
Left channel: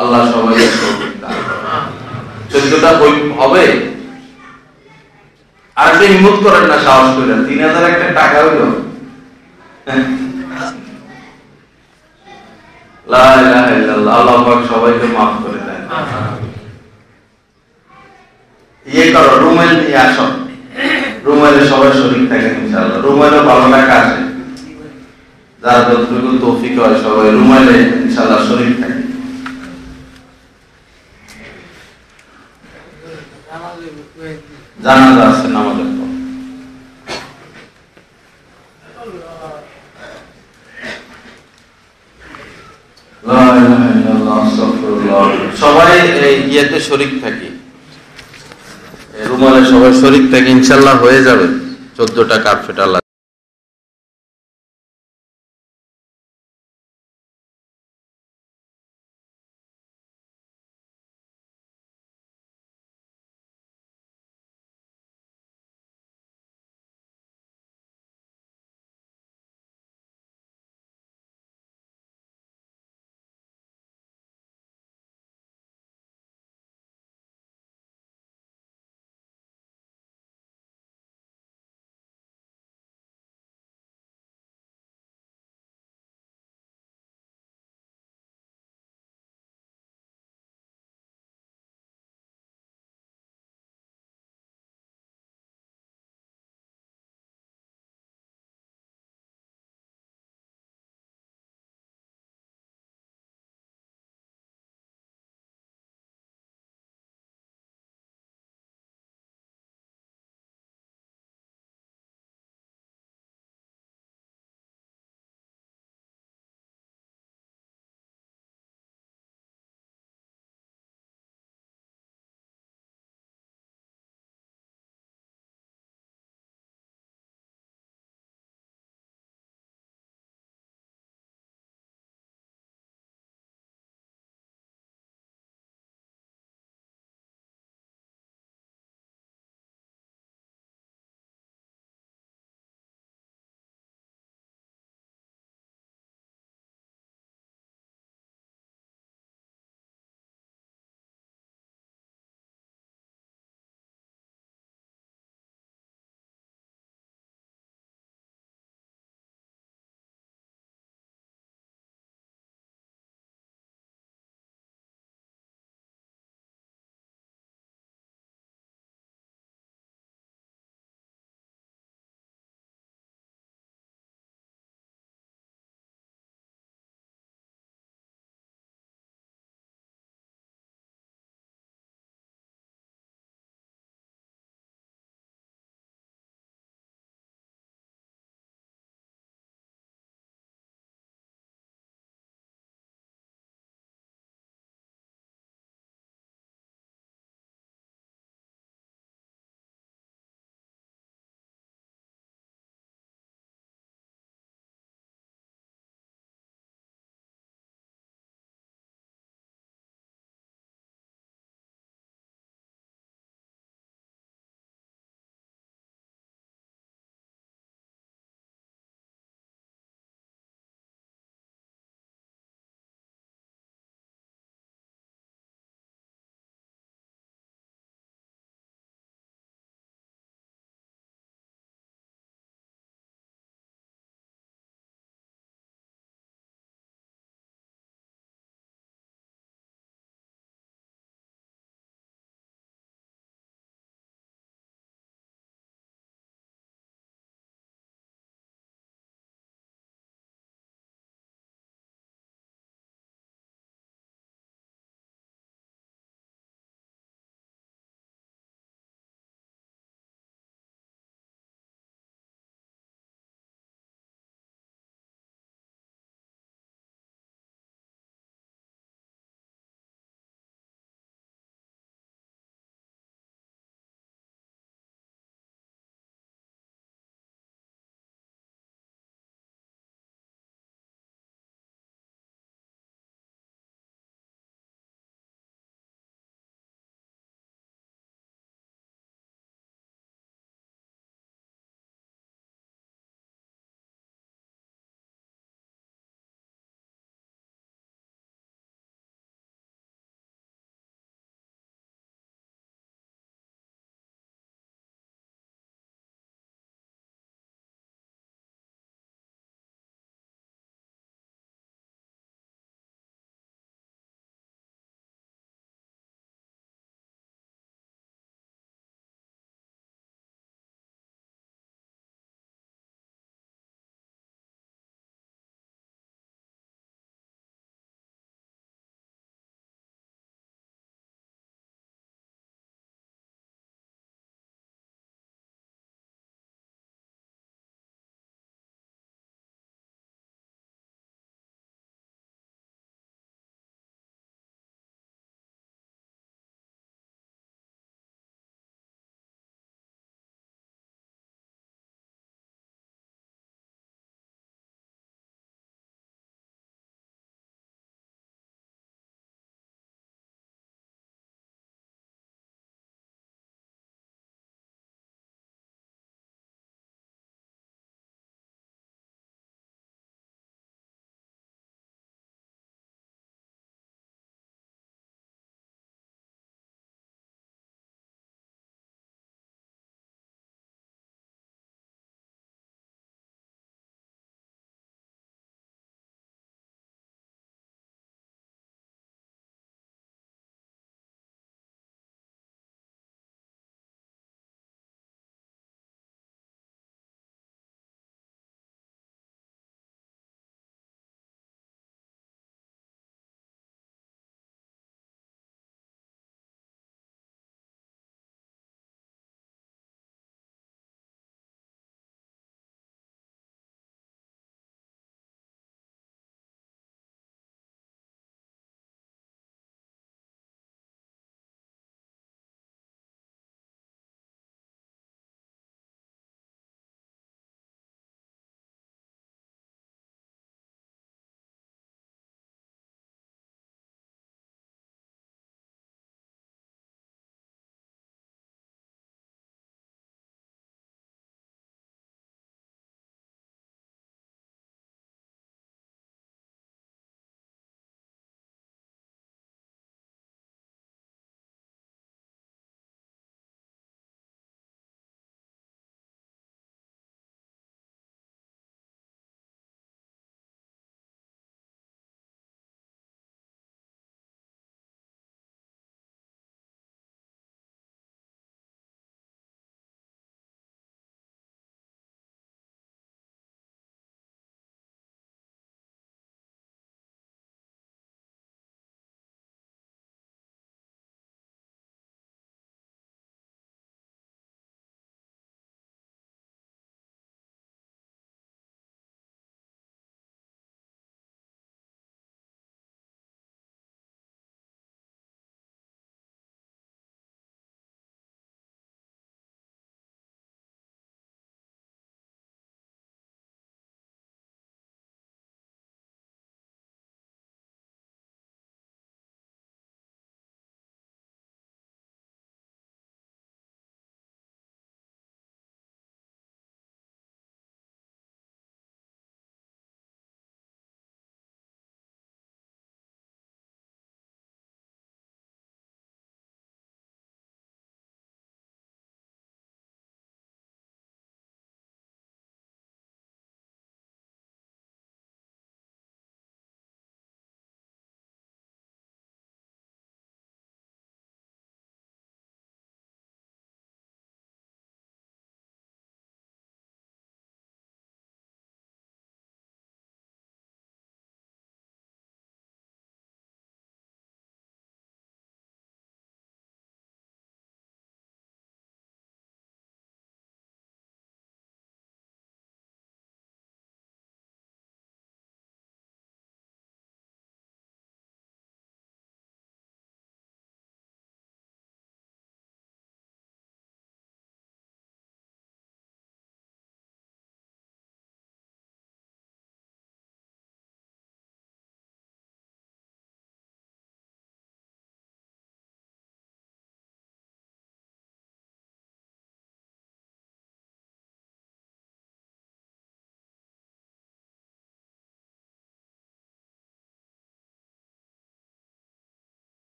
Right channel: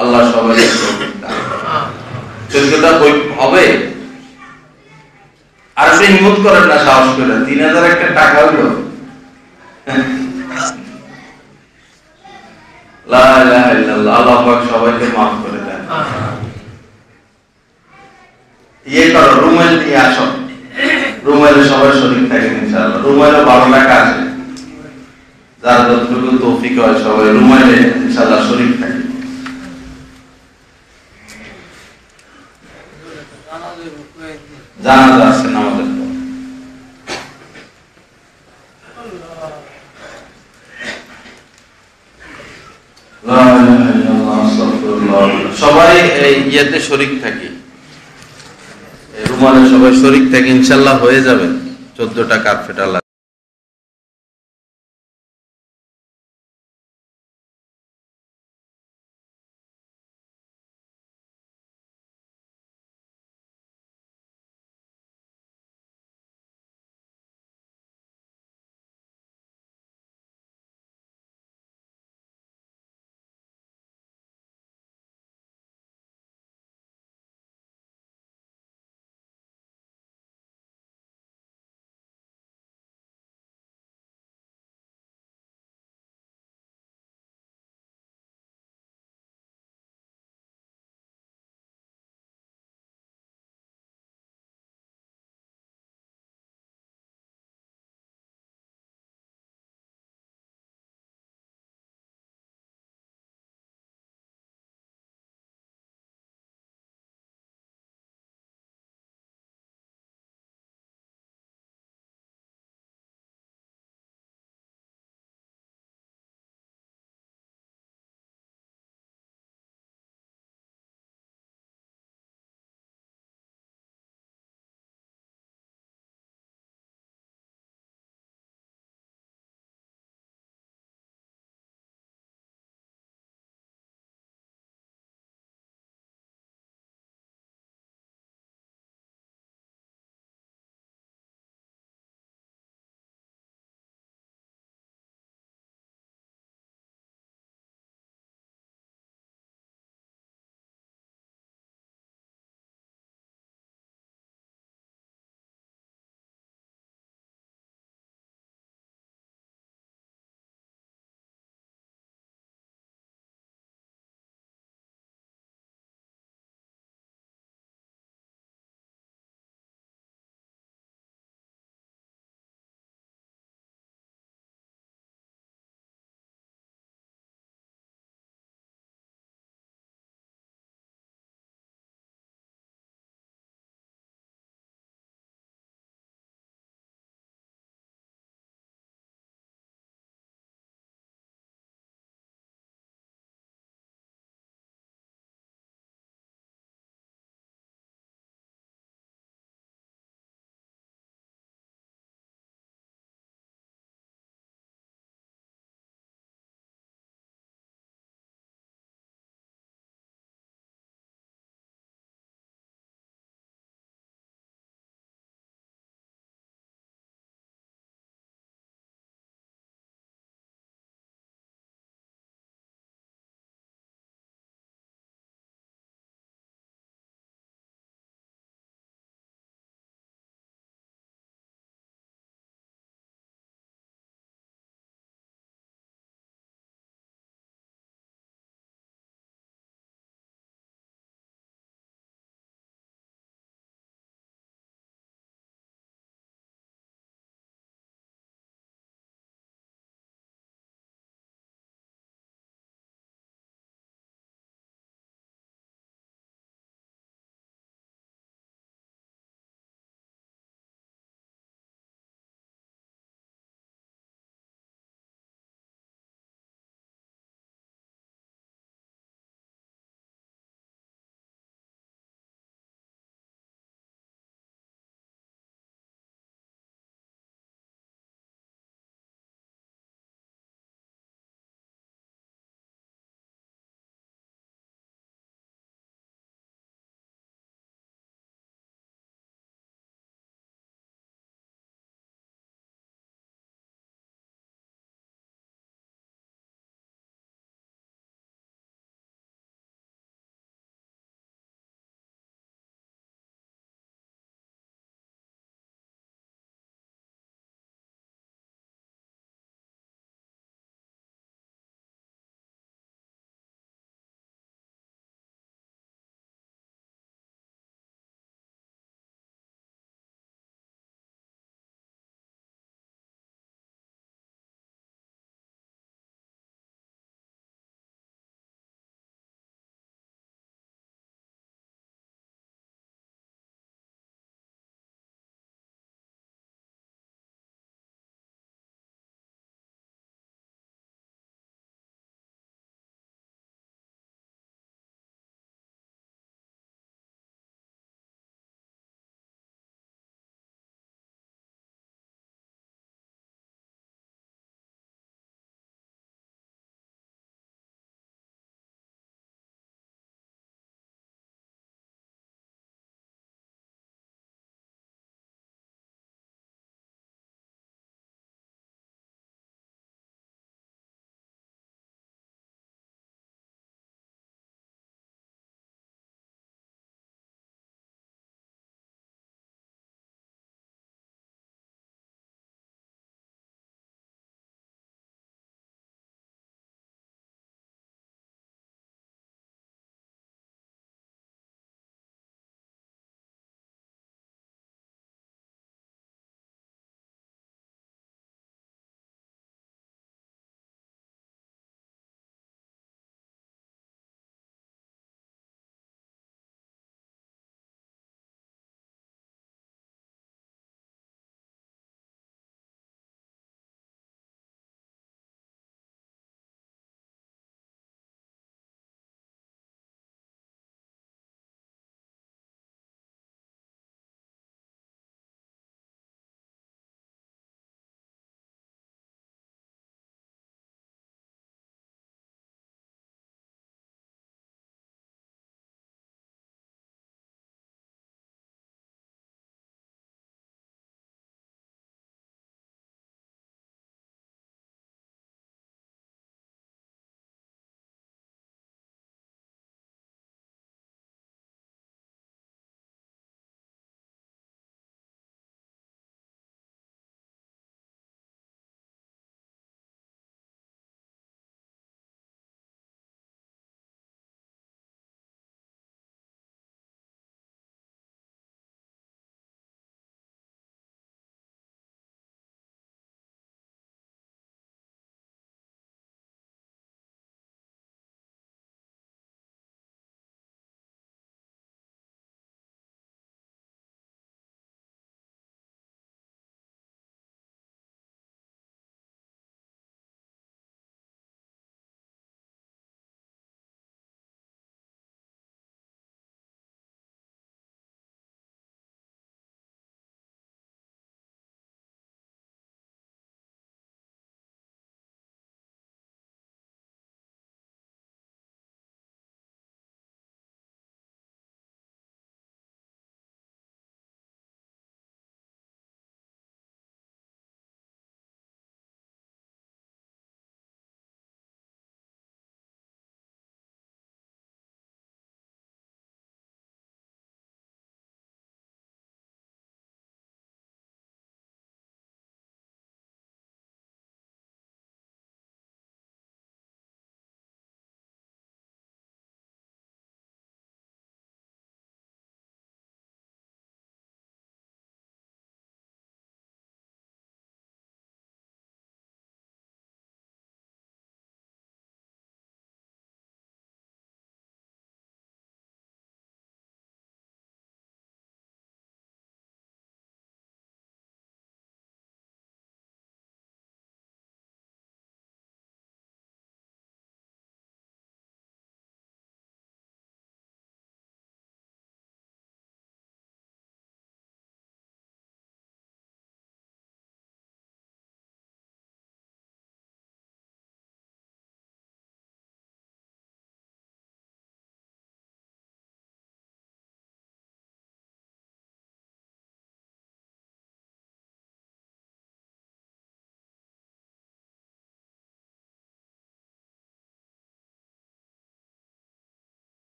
আল্লাহ সবাইকে তৌফিক দান করুন। 14টা হবে, আর আপনি হিম্মত করেন না সাহস করে 3000 একটা টাকা হইল। লা ইলাহা ইল্লাল্লাহ, আল্লাহ পাক সবাইকে মাফ করে দেন। ইয়ে করো, রুমেল নিয়ে আসো, রুমেলে সবাই শরীক থাকেন ইনশাআল্লাহ। রুমেলে ভালো টাকা আছে, যার যতটুকু তৌফিক হয় সবাই রুমেলে ইনশাআল্লাহ শরীক থাকে। জানাজা আছে আমাদের তো। সবাই ইয়েতে শরীক থাকি, রুমালে সবাই শরীক থাকি, ইনশাল্লাহ হয়ে যাবে 14টা কার্পেট আল্লাহ